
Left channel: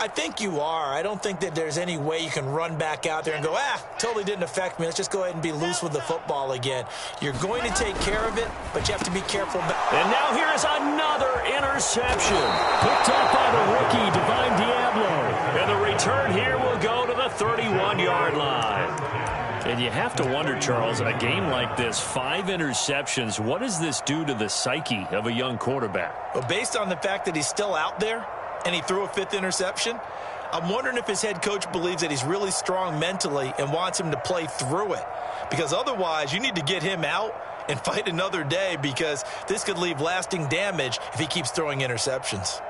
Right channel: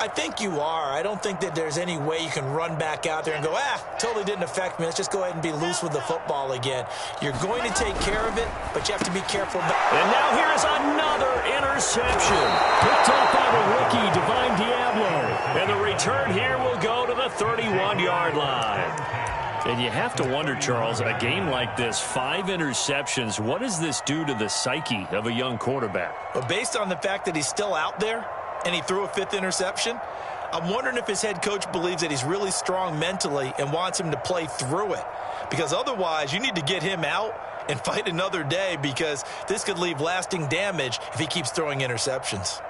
I think you are. I don't think that there's any way you can run back out there and go, totally didn't affect me. Let's just go ahead and be loose with the football again. You're going to take care of it, but you have to be careful. And now here is another interception. Picked up by the rookie, Divine Diablo. And the return here will go to the 31-yard line. And you have to wonder, Charles, a game like this, 5 interceptions, what does this do to the psyche of a young quarterback? Well, based on the fact that he's still out there, and he threw a 5th interception, I'm wondering if his head coach believes that he's really strong mentally and wants him to play through it. Because otherwise, you need to get him out and fight another day, because this could leave lasting damage if he keeps throwing interceptions.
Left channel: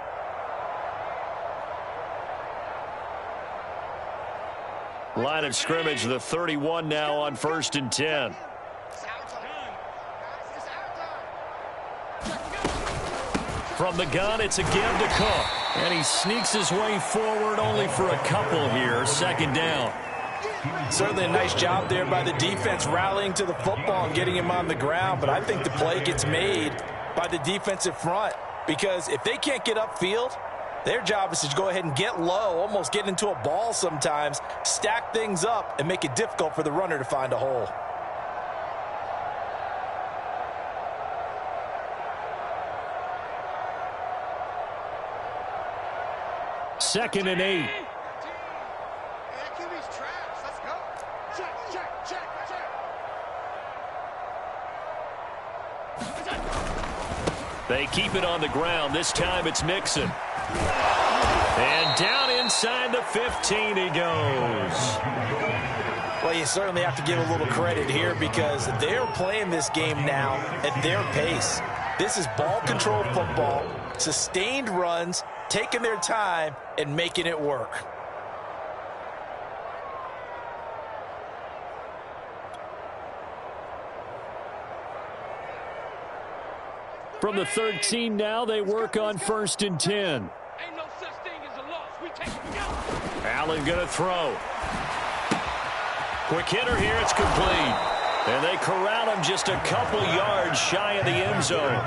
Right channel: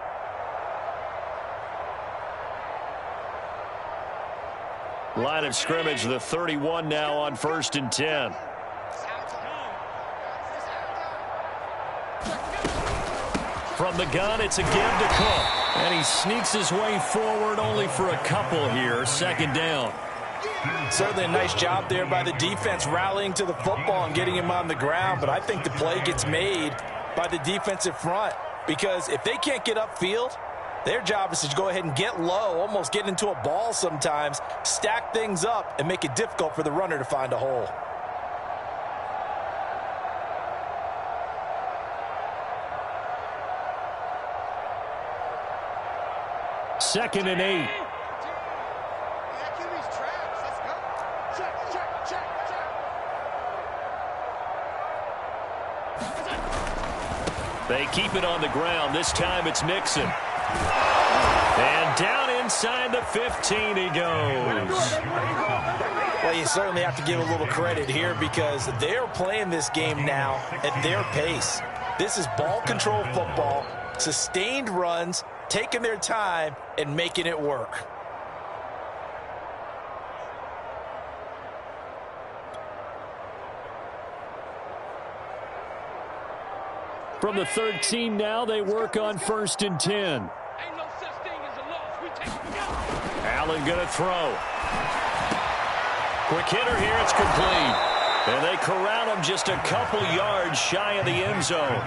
Line of scrimmage, the 31 now on 1st and 10. From the gun, it's again to Cook. And he sneaks his way forward only for a couple here. 2nd down. Certainly a nice job there by the defense rallying to the football and getting him on the ground. But I think the play gets made by the defensive front, because if they can't get upfield, their job is to go ahead and get low, almost get into a ball sometimes, stack things up, and make it difficult for the runner to find a hole. Second and 8. Let's go. Check. They keep it on the ground. This time it's Mixon. And down inside the 15 he goes. Well, you certainly have to give a little credit here because they're playing this game now at their pace. This is ball control football, sustained runs, taking their time, and making it work. From the 13 now, they work on 1st and 10. Ain't no such thing as a loss. We take it together. Allen going to throw. Quick hitter here. It's complete. And they corral him just a couple yards shy of the end zone.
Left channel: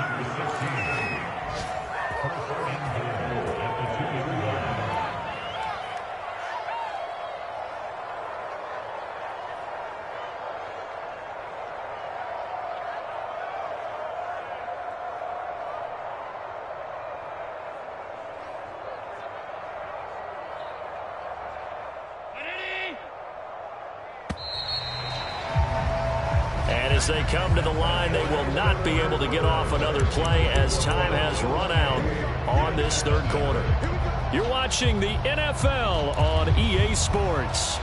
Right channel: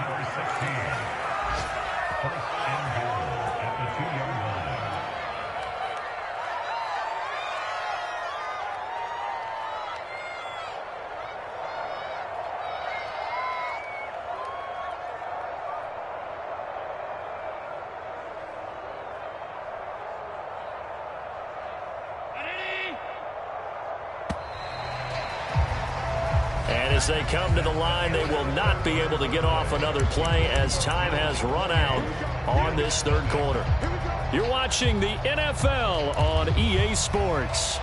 And as they come to the line, they will not be able to get off another play as time has run out on this third quarter. You're watching the NFL on EA Sports.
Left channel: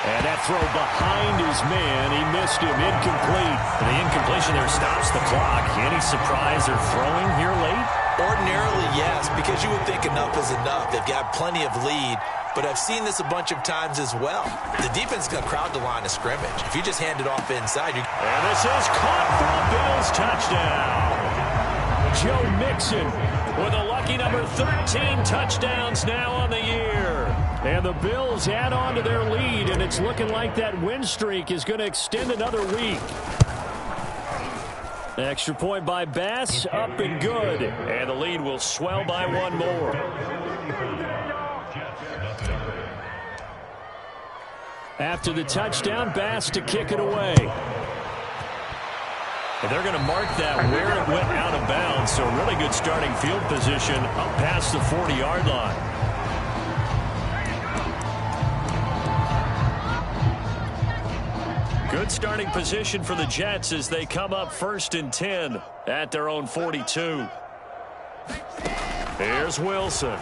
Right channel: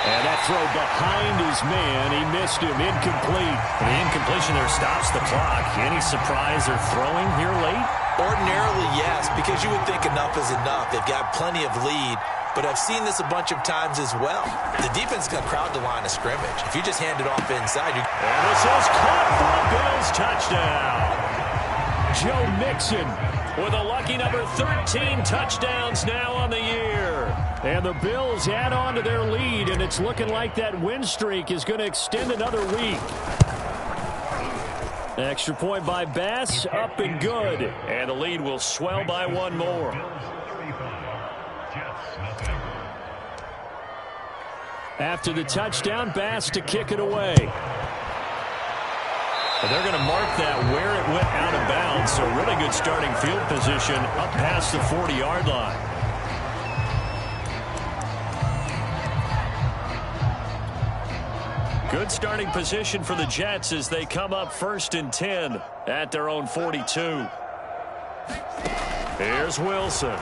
And that throw behind his man, he missed him, incomplete. The incompletion there stops the clock. Any surprise they're throwing here late? Ordinarily, yes, because you would think enough is enough. They've got plenty of lead, but I've seen this a bunch of times as well. The defense is going to crowd the line of scrimmage. If you just hand it off inside, you... And this is caught for a Bills touchdown. Joe Mixon with a lucky number 13 touchdowns now on the year. And the Bills add on to their lead, and it's looking like that win streak is going to extend another week. Extra point by Bass, up and good. And the lead will swell by one more. After the touchdown, Bass to kick it away. And they're going to mark that where it went out of bounds, so really good starting field position up past the 40-yard line. Good starting position for the Jets as they come up 1st and 10 at their own 42. Here's Wilson.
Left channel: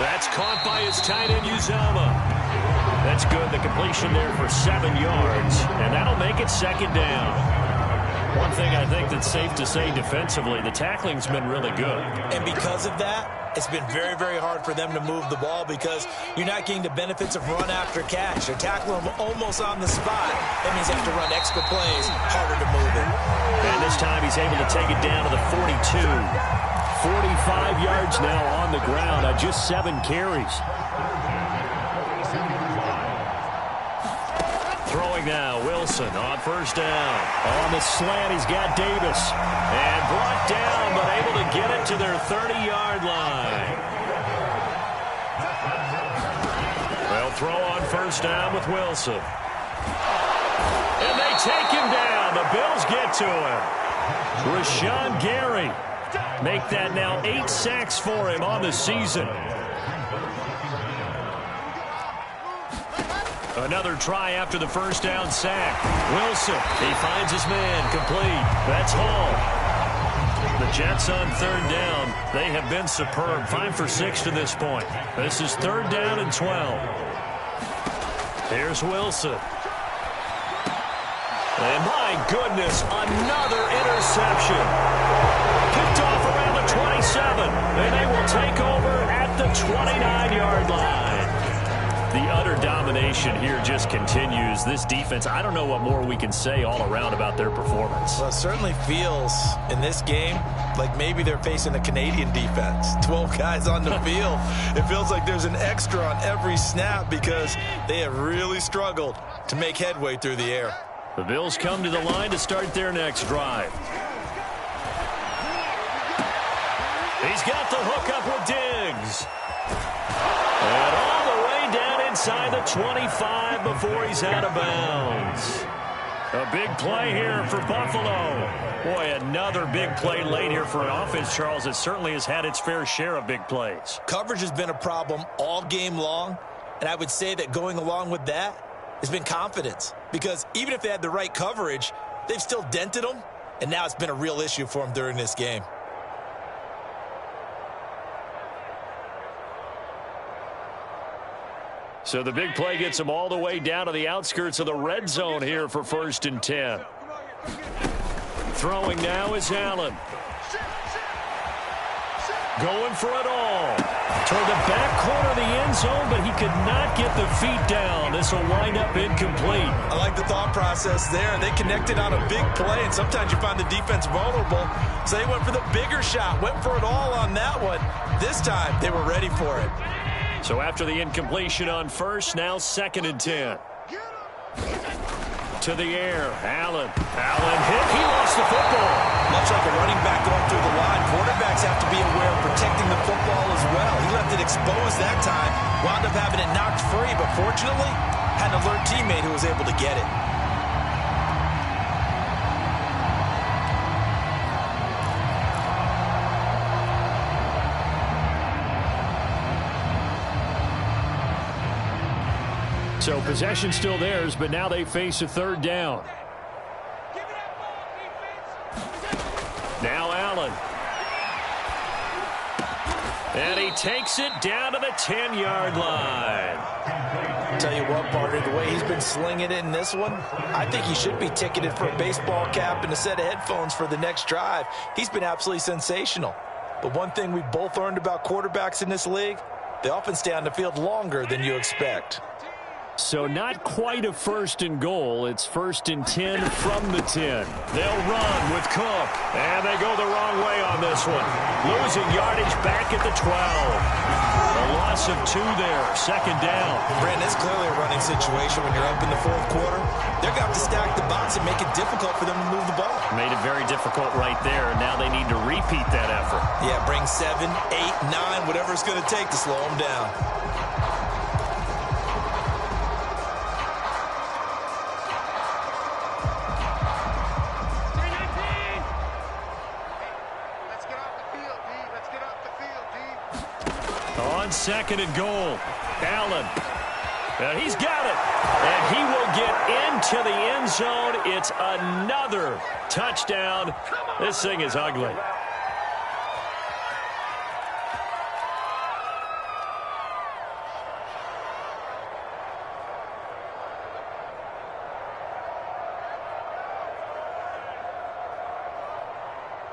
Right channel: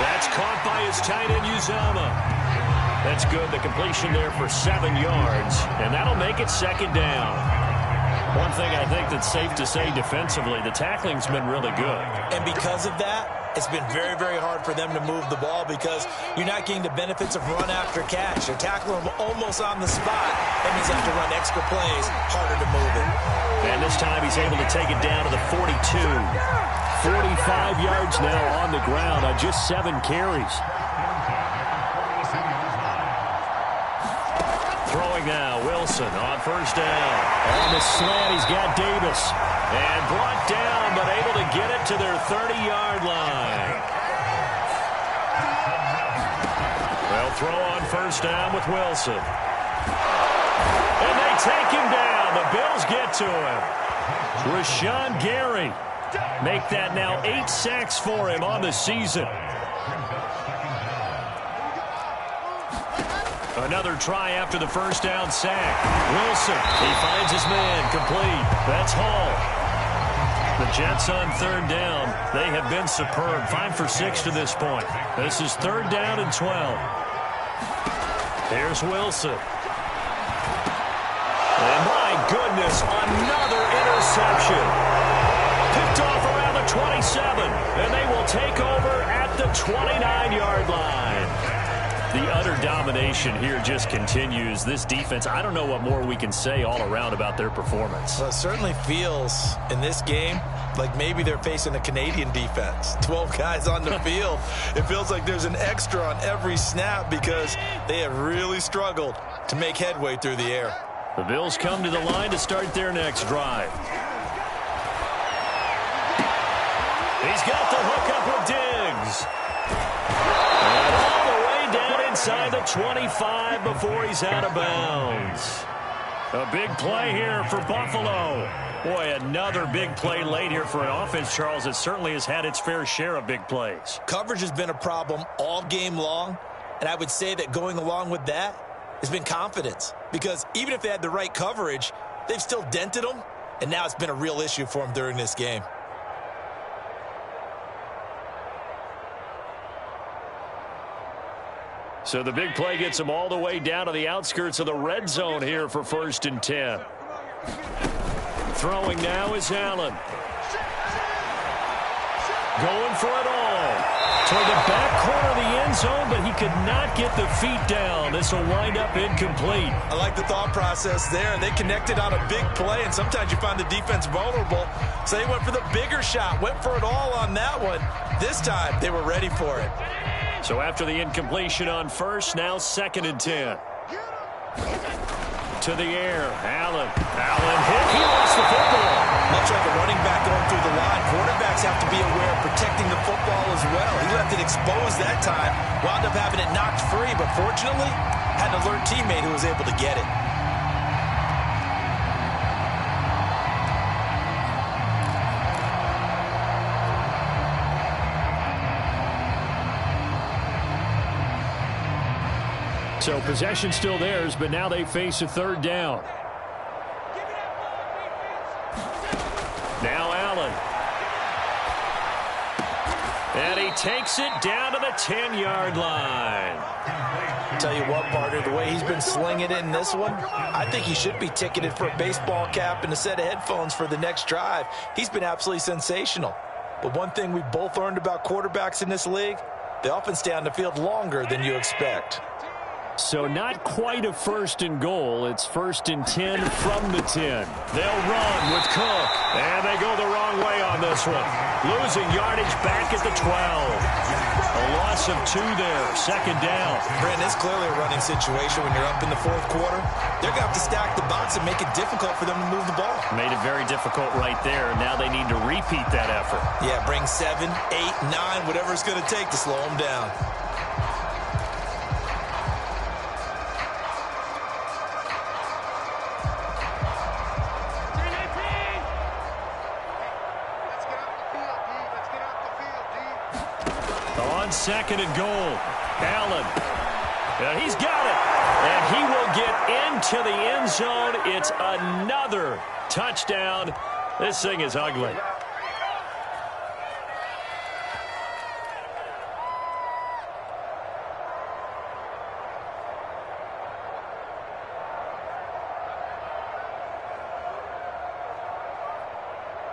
That's caught by his tight end, Uzama. That's good. The completion there for 7 yards, and that'll make it 2nd down. One thing I think that's safe to say defensively, the tackling's been really good. And because of that, it's been very, very hard for them to move the ball because you're not getting the benefits of run after catch. They're tackling them almost on the spot. That means you have to run extra plays, harder to move it. And this time he's able to take it down to the 42. 45 yards now on the ground on just 7 carries. Throwing now, Wilson on 1st down. On the slant, he's got Davis. And brought down, but able to get it to their 30-yard line. They'll throw on 1st down with Wilson. And they take him down. The Bills get to him. Rashawn Gary. Make that now 8 sacks for him on the season. Another try after the 1st down sack. Wilson, he finds his man, complete. That's Hall. The Jets on 3rd down. They have been superb. 5 for 6 to this point. This is 3rd down and 12. Here's Wilson. And my goodness, another interception. Picked off around the 27. And they will take over at the 29-yard line. The utter domination here just continues. This defense, I don't know what more we can say all around about their performance. Well, it certainly feels in this game like maybe they're facing a Canadian defense. 12 guys on the field. It feels like there's an extra on every snap because they have really struggled to make headway through the air. The Bills come to the line to start their next drive. He's got the hookup with Diggs. And all the way down inside the 25 before he's out of bounds. A big play here for Buffalo. Boy, another big play late here for an offense, Charles, that certainly has had its fair share of big plays. Coverage has been a problem all game long, and I would say that going along with that has been confidence. Because even if they had the right coverage, they've still dented them, and now it's been a real issue for them during this game. So the big play gets them all the way down to the outskirts of the red zone here for 1st and 10. Throwing now is Allen. Going for it all. Toward the back corner of the end zone, but he could not get the feet down. This will wind up incomplete. I like the thought process there. They connected on a big play, and sometimes you find the defense vulnerable. So they went for the bigger shot, went for it all on that one. This time, they were ready for it. So after the incompletion on first, now 2nd and 10. To the air, Allen hit. He lost the football. Much like a running back going through the line, quarterbacks have to be aware of protecting the football as well. He left it exposed that time, wound up having it knocked free, but fortunately, had an alert teammate who was able to get it. So possession still theirs, but now they face a 3rd down. Now Allen. And he takes it down to the 10-yard line. Tell you what, partner, the way he's been slinging it in this one, I think he should be ticketed for a baseball cap and a set of headphones for the next drive. He's been absolutely sensational. But one thing we've both learned about quarterbacks in this league, they often stay on the field longer than you expect. So not quite a 1st and goal. It's 1st and 10 from the 10. They'll run with Cook. And they go the wrong way on this one. Losing yardage back at the 12. A loss of 2 there. 2nd down. Brandon, it's clearly a running situation when you're up in the 4th quarter. They're going to have to stack the box and make it difficult for them to move the ball. Made it very difficult right there. Now they need to repeat that effort. Yeah, bring 7, 8, 9, whatever it's going to take to slow them down. On 2nd and goal, Allen. And he's got it. And he will get into the end zone. It's another touchdown. This thing is ugly.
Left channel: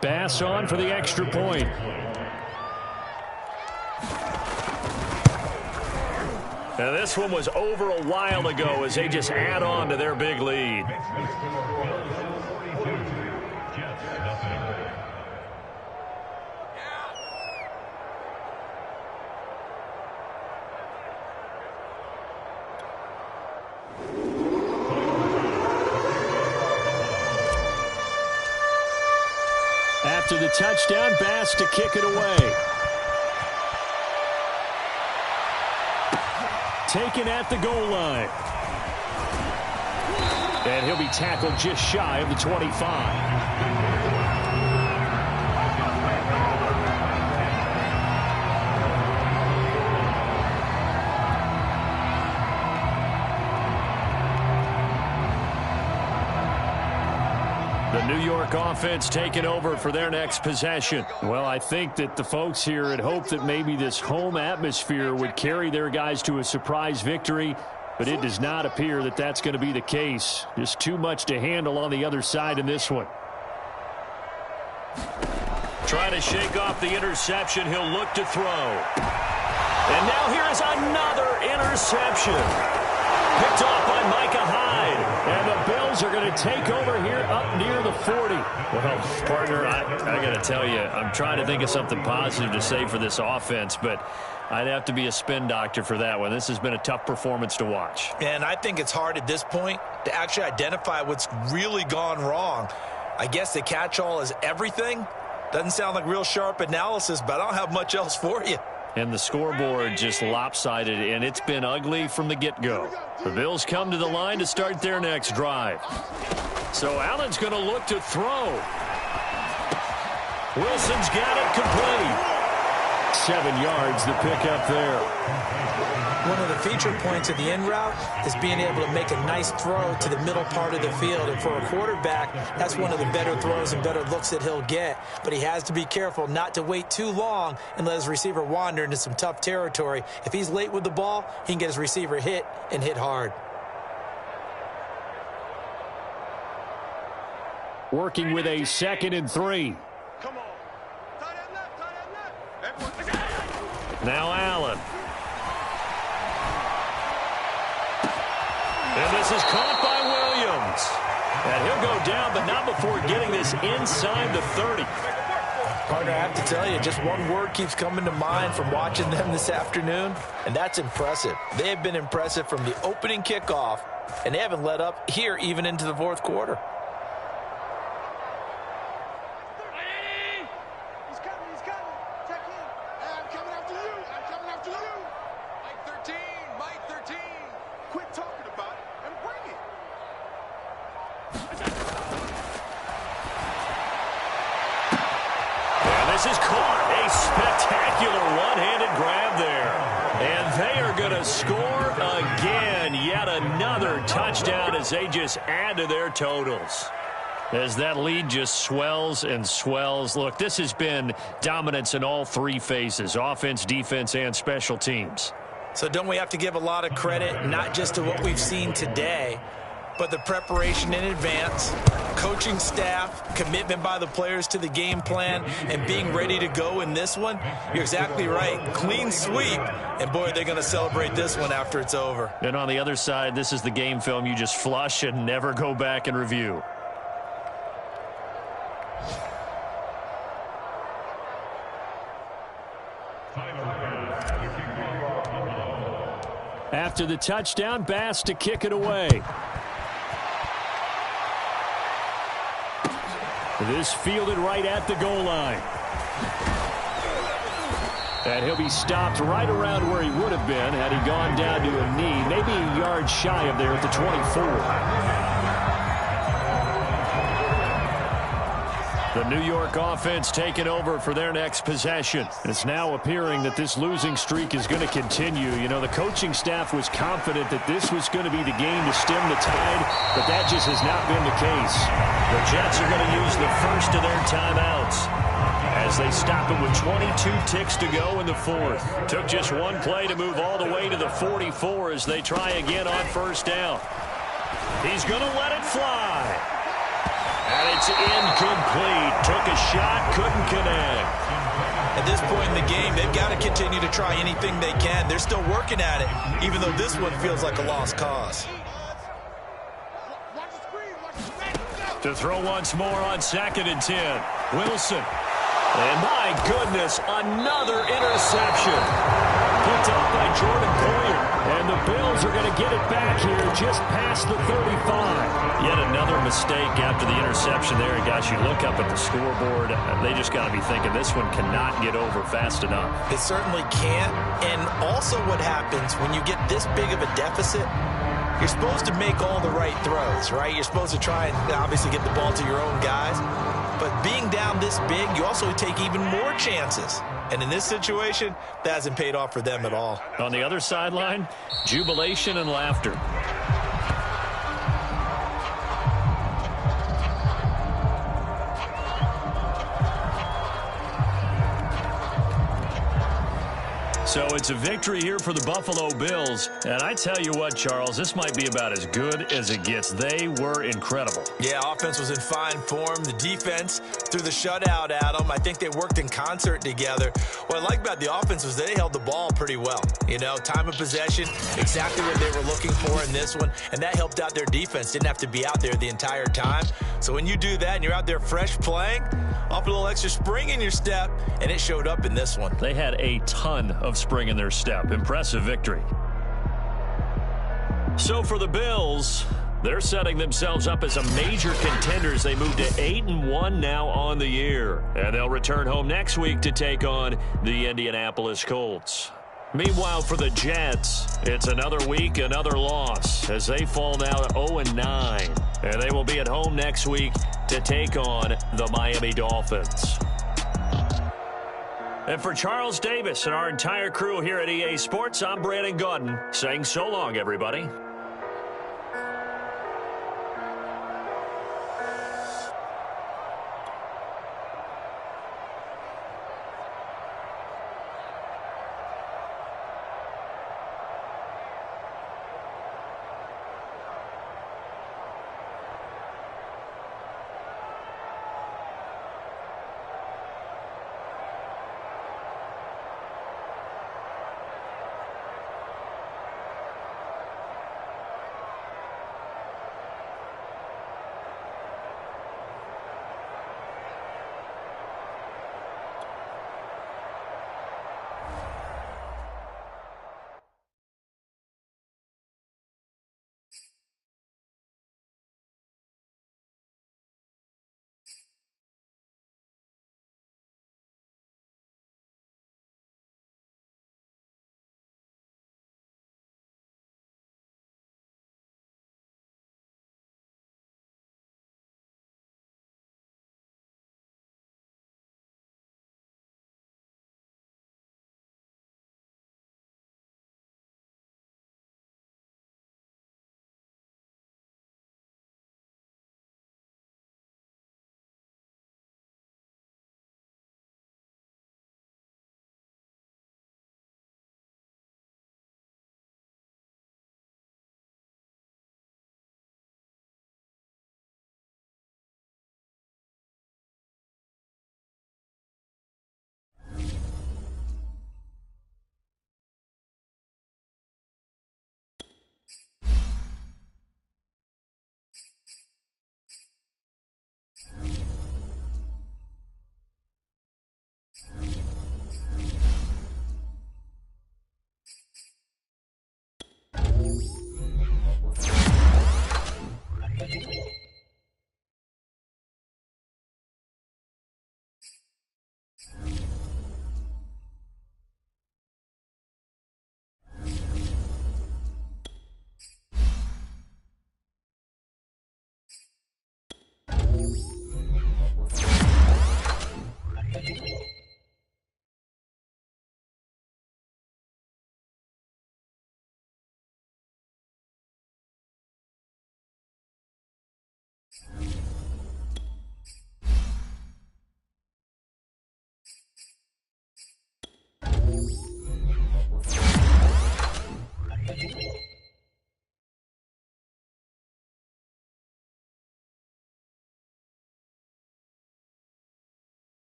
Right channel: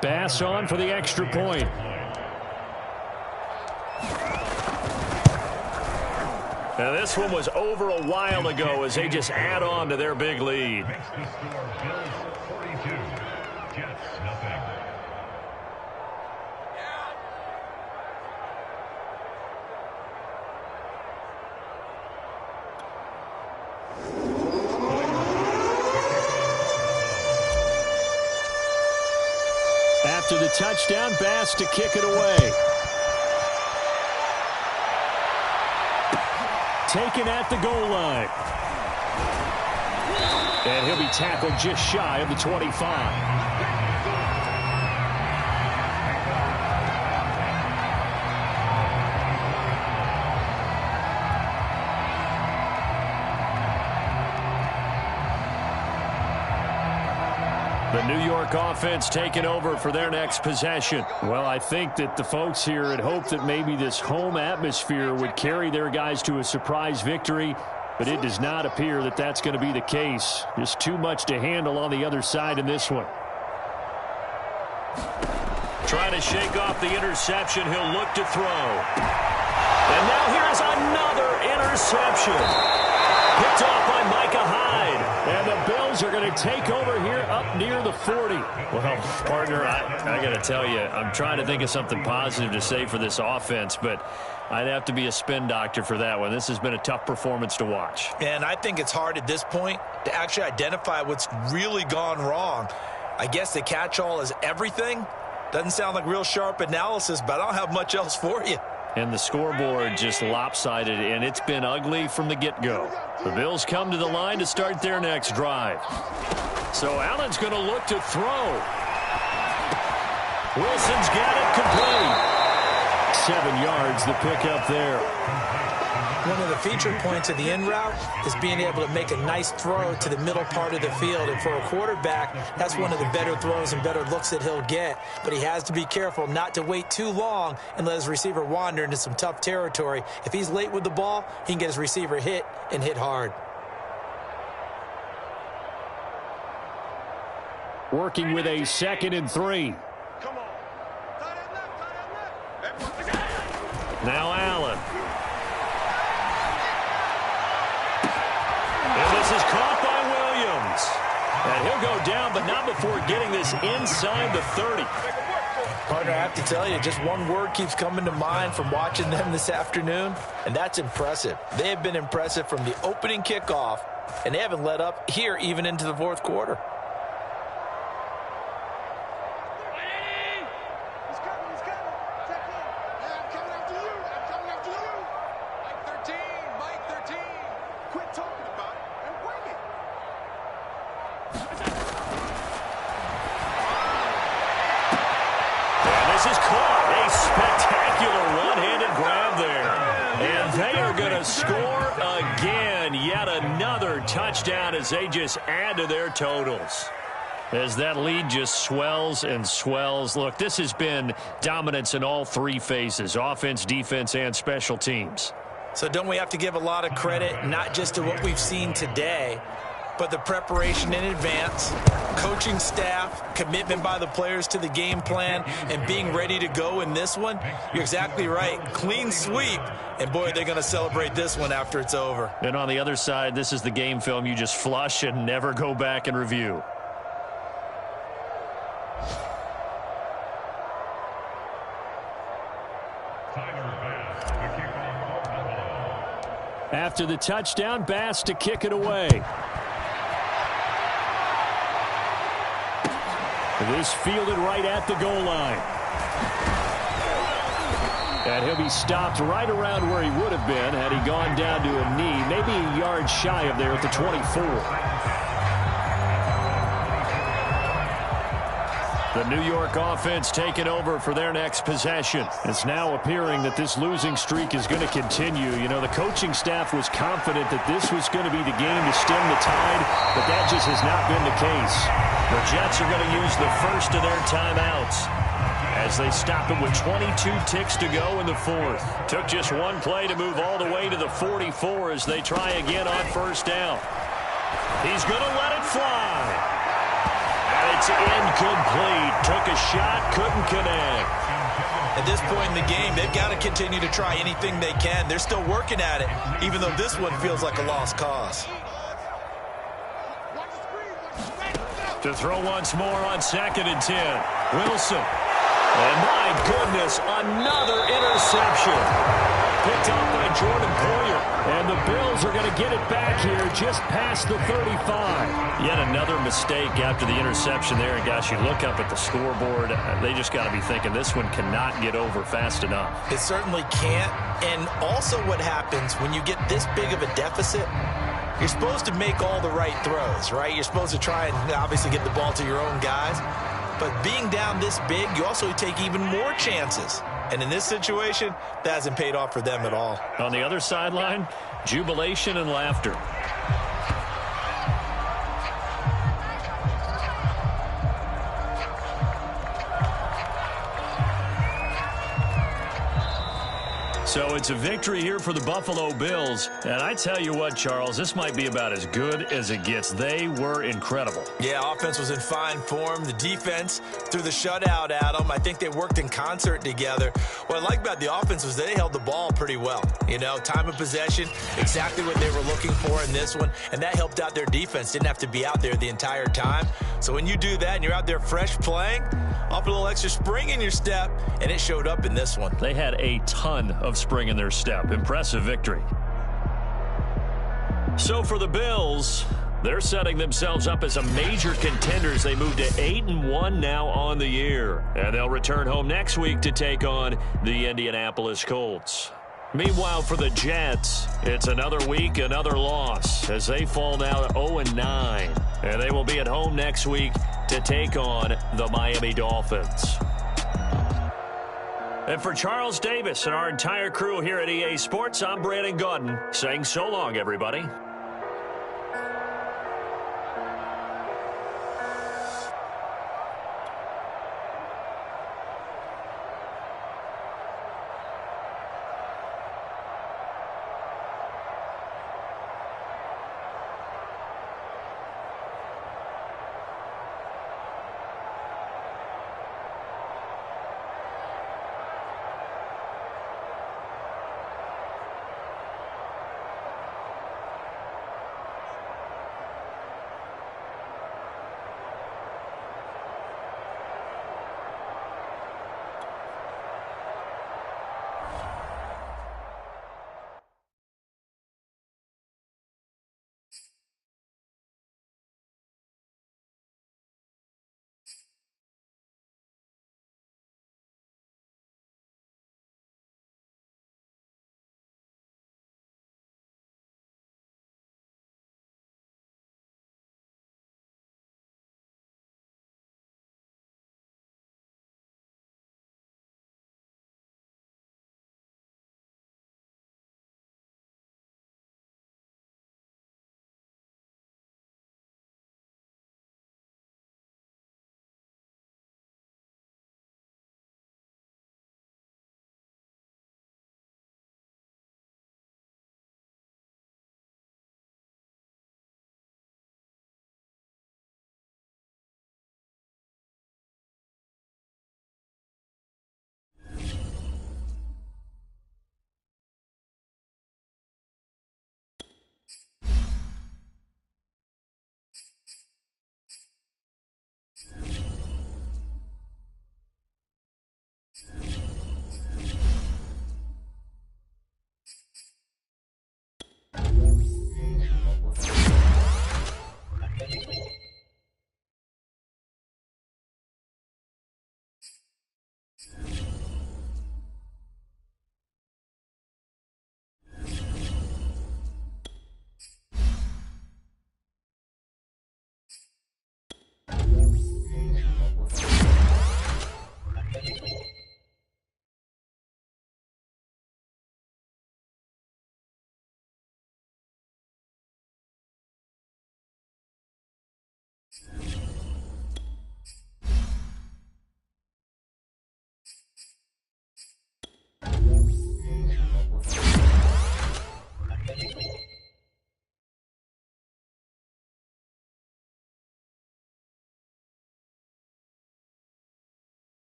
Bass on for the extra point. Now this one was over a while ago as they just add on to their big lead. Makes the score Bills 42, Jets nothing. After the touchdown, Bass to kick it away. Taken at the goal line. And he'll be tackled just shy of the 25. The New York offense taking over for their next possession. Well, I think that the folks here had hoped that maybe this home atmosphere would carry their guys to a surprise victory, but it does not appear that that's going to be the case. Just too much to handle on the other side in this one. Trying to shake off the interception. He'll look to throw. And now here is another interception. Picked off by Micah Hyde. And the Bills are going to take over here up near the 40. Well, partner, I got to tell you, I'm trying to think of something positive to say for this offense, but I'd have to be a spin doctor for that one. This has been a tough performance to watch. And I think it's hard at this point to actually identify what's really gone wrong. I guess the catch-all is everything. Doesn't sound like real sharp analysis, but I don't have much else for you. And the scoreboard just lopsided, and it's been ugly from the get-go. The Bills come to the line to start their next drive. So Allen's going to look to throw. Wilson's got it complete. 7 yards, the pickup there. One of the feature points of the in route is being able to make a nice throw to the middle part of the field. And for a quarterback, that's one of the better throws and better looks that he'll get. But he has to be careful not to wait too long and let his receiver wander into some tough territory. If he's late with the ball, he can get his receiver hit and hit hard. Working with a 2nd and 3. Come on. Tight end left. Now Allen. And this is caught by Williams. And he'll go down, but not before getting this inside the 30. Partner, I have to tell you, just one word keeps coming to mind from watching them this afternoon, and that's impressive. They have been impressive from the opening kickoff, and they haven't let up here even into the fourth quarter. He's coming. Check in. Hey, I'm coming after you. Mike 13. Quit talking about it and bring it. And this is caught. A spectacular one-handed grab there. And they are going to score again. Yet another touchdown as they just add to their totals. As that lead just swells and swells. Look, this has been dominance in all 3 phases, offense, defense, and special teams. So don't we have to give a lot of credit, not just to what we've seen today, but the preparation in advance, coaching staff, commitment by the players to the game plan, and being ready to go in this one? You're exactly right. Clean sweep, and boy, they're going to celebrate this one after it's over. And on the other side, this is the game film you just flush and never go back and review. After the touchdown, Bass to kick it away. This fielded right at the goal line. And he'll be stopped right around where he would have been had he gone down to a knee, maybe a yard shy of there at the 24. The New York offense taking over for their next possession. It's now appearing that this losing streak is going to continue. You know, the coaching staff was confident that this was going to be the game to stem the tide, but that just has not been the case. The Jets are going to use the first of their timeouts as they stop it with 22 ticks to go in the 4th. Took just one play to move all the way to the 44 as they try again on first down. He's going to let it fly. And it's incomplete. Took a shot, couldn't connect. At this point in the game, they've got to continue to try anything they can. They're still working at it, even though this one feels like a lost cause. To throw once more on 2nd and 10. Wilson. And my goodness, another interception. Picked off by Jordan Poyer. And the Bills are going to get it back here just past the 35. Yet another mistake after the interception there. And gosh, you look up at the scoreboard, they just got to be thinking this one cannot get over fast enough. It certainly can't. And also what happens when you get this big of a deficit, you're supposed to make all the right throws, right? You're supposed to try and obviously get the ball to your own guys. But being down this big, you also take even more chances. And in this situation, that hasn't paid off for them at all. On the other sideline, jubilation and laughter. So it's a victory here for the Buffalo Bills. And I tell you what, Charles, this might be about as good as it gets. They were incredible. Yeah, offense was in fine form. The defense threw the shutout at them. I think they worked in concert together. What I like about the offense was they held the ball pretty well. You know, time of possession, exactly what they were looking for in this one. And that helped out their defense. Didn't have to be out there the entire time. So when you do that and you're out there fresh playing, off a little extra spring in your step, and it showed up in this one. They had a ton of spring in their step. Impressive victory. So for the Bills, They're setting themselves up as a major contender as they move to 8-1 now on the year. And they'll return home next week to take on the Indianapolis Colts. Meanwhile, for the Jets, it's another week, another loss as they fall now to 0-9. And they will be at home next week to take on the Miami Dolphins. And for Charles Davis and our entire crew here at EA Sports, I'm Brandon Gaudin saying so long, everybody.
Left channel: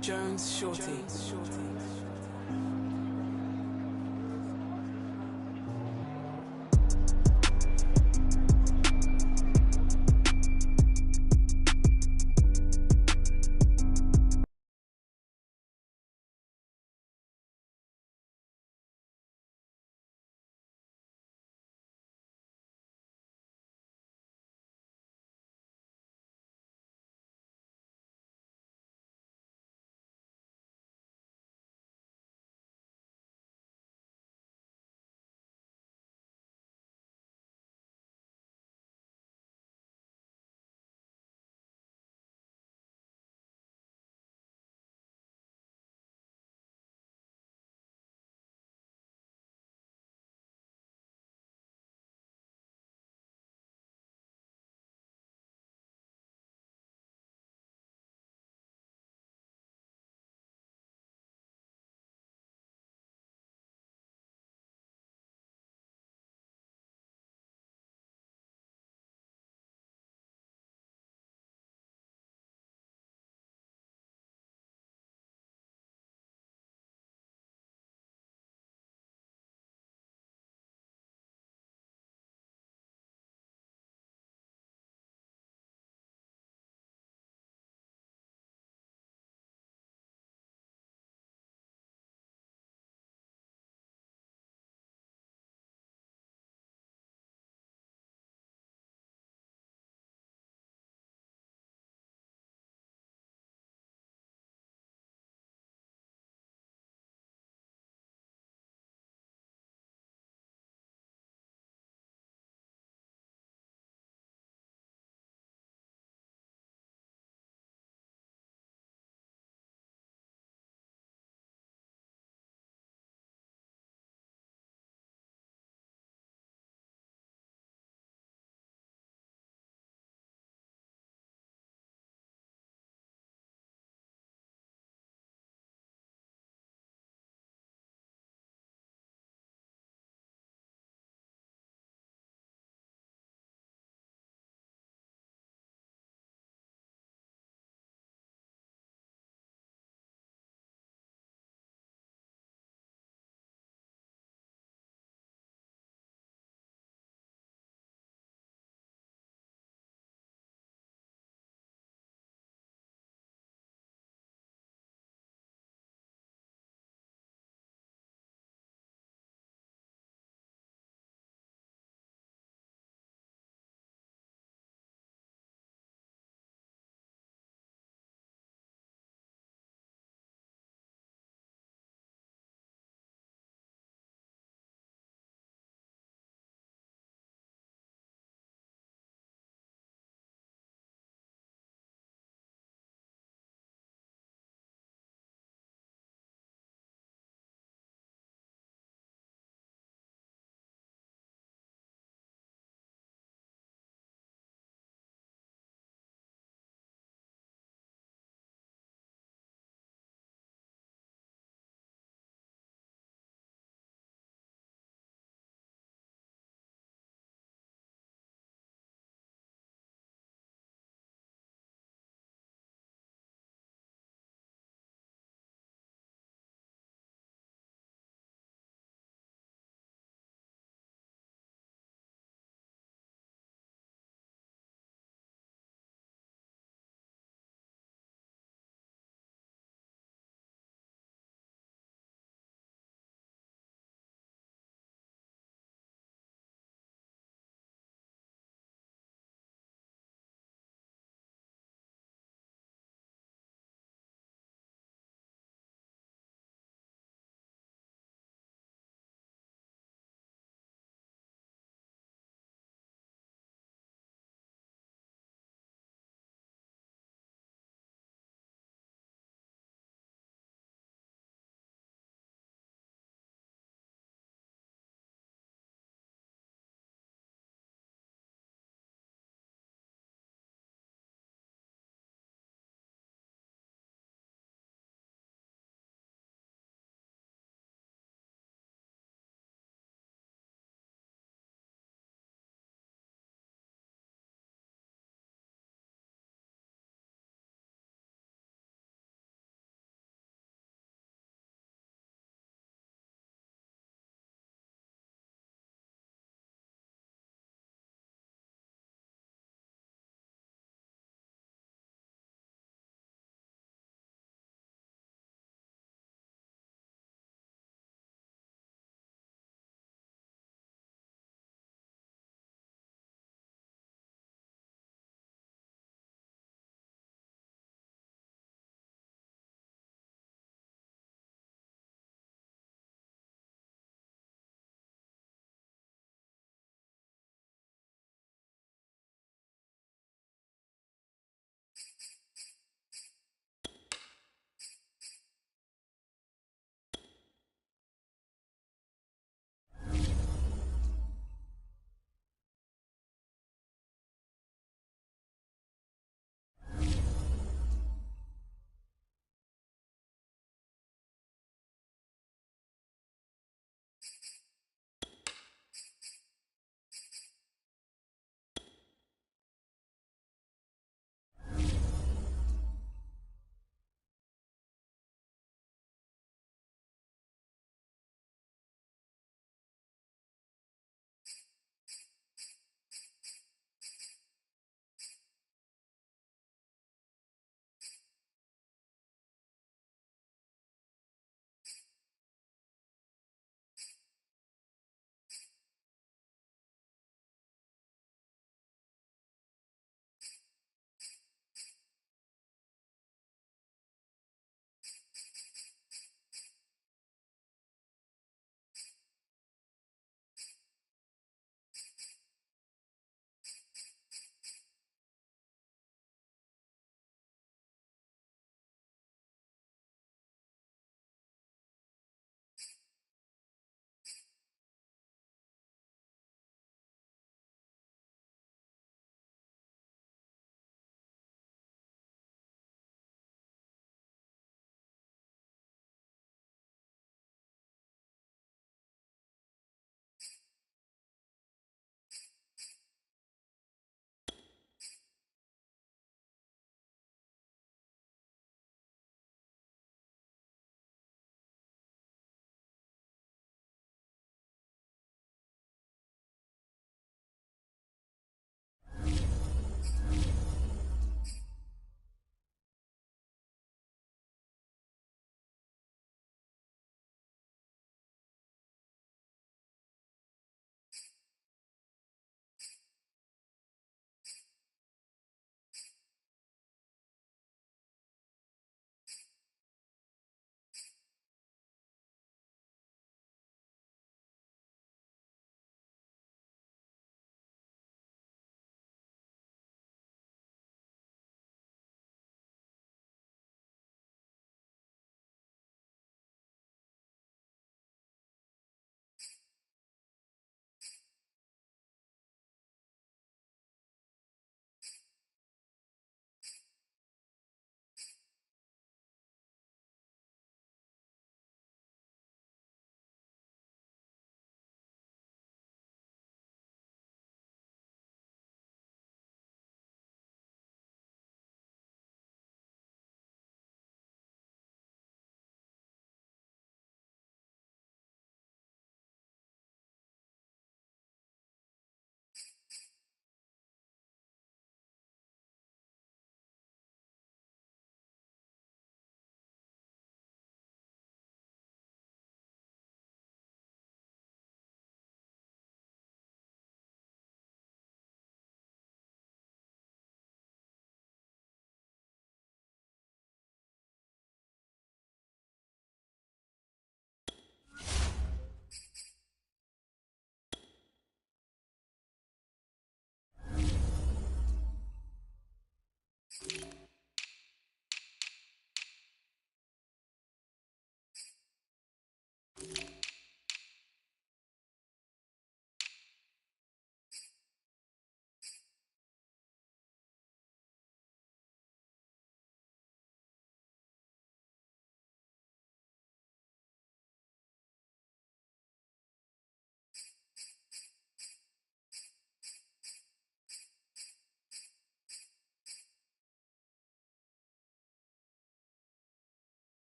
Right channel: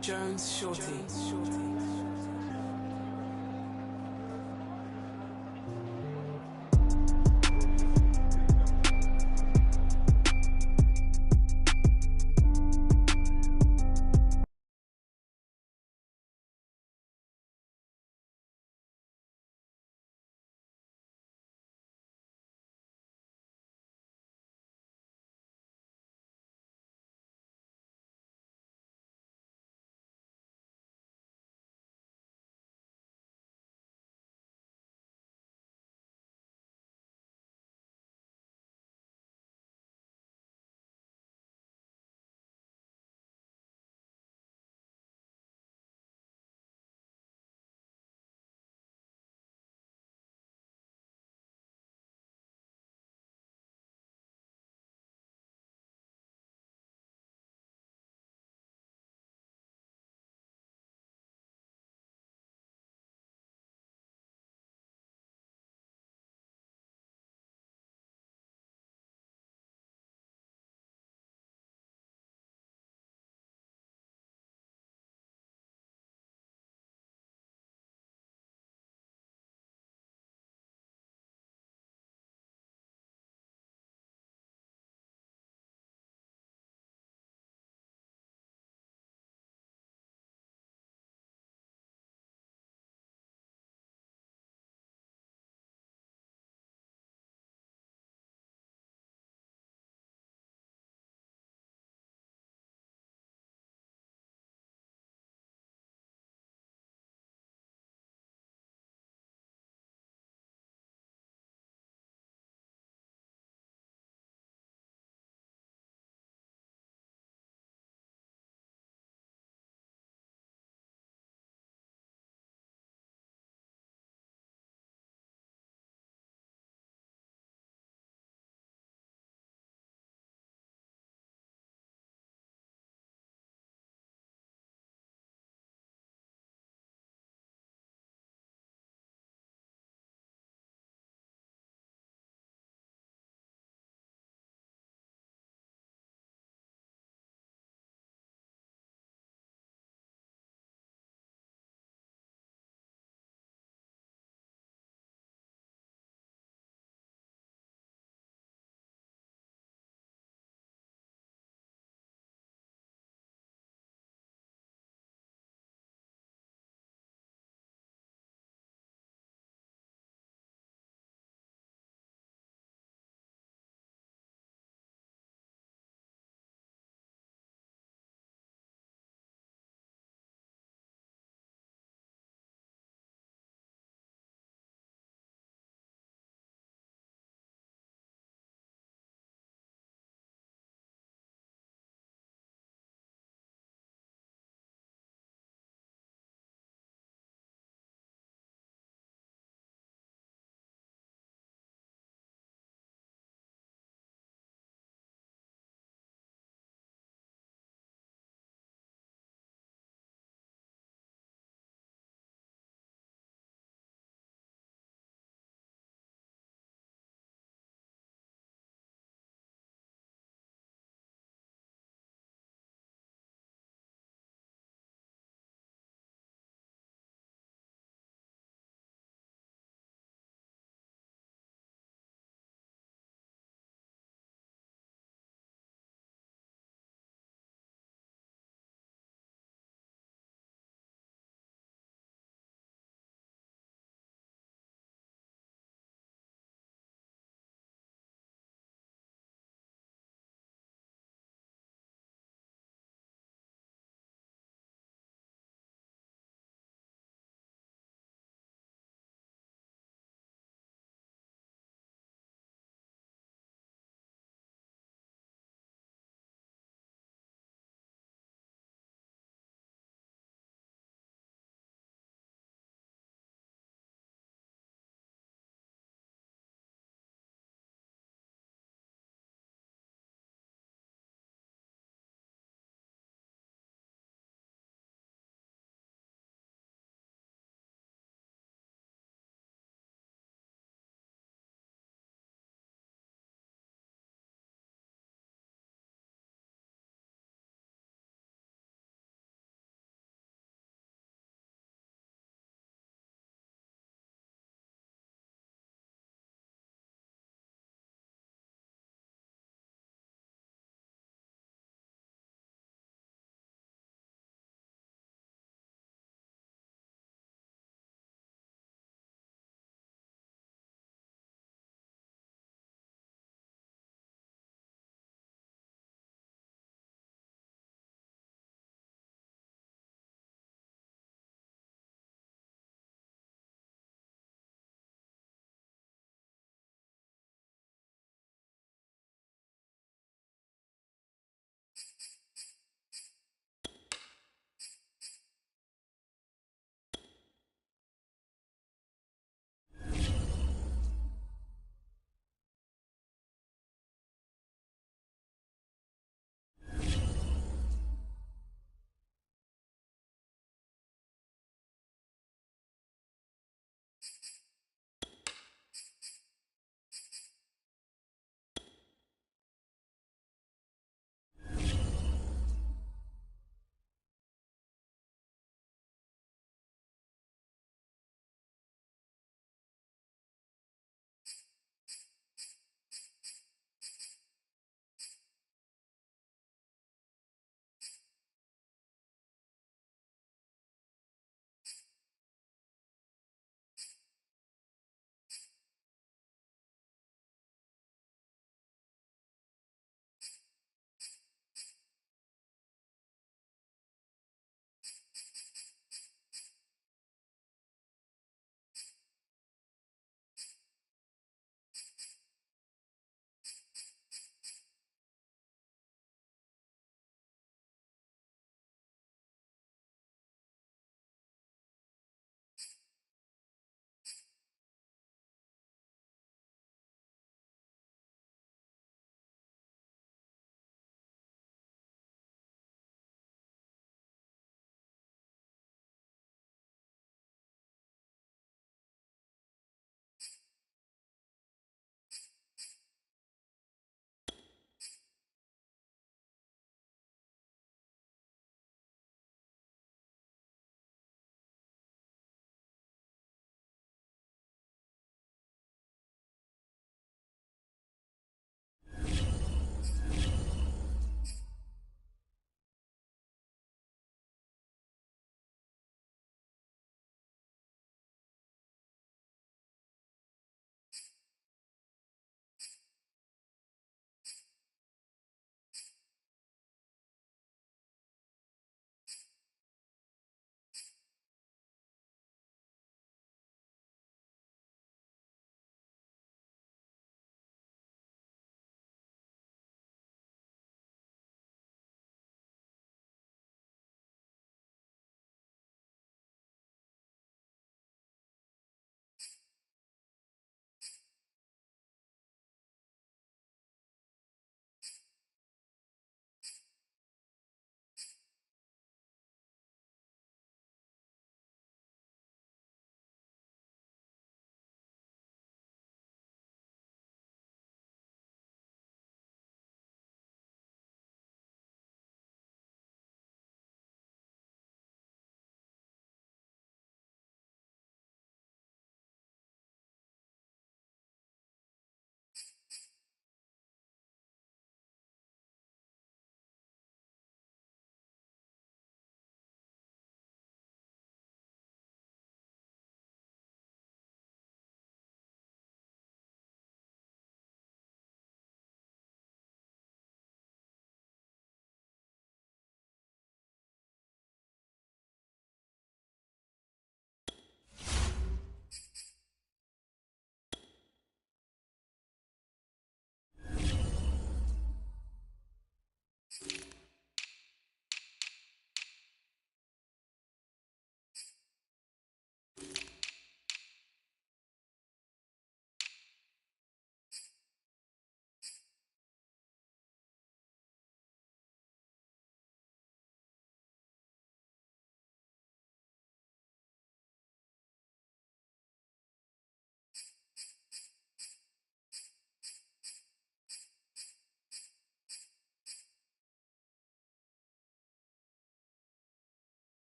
Jones Shorty.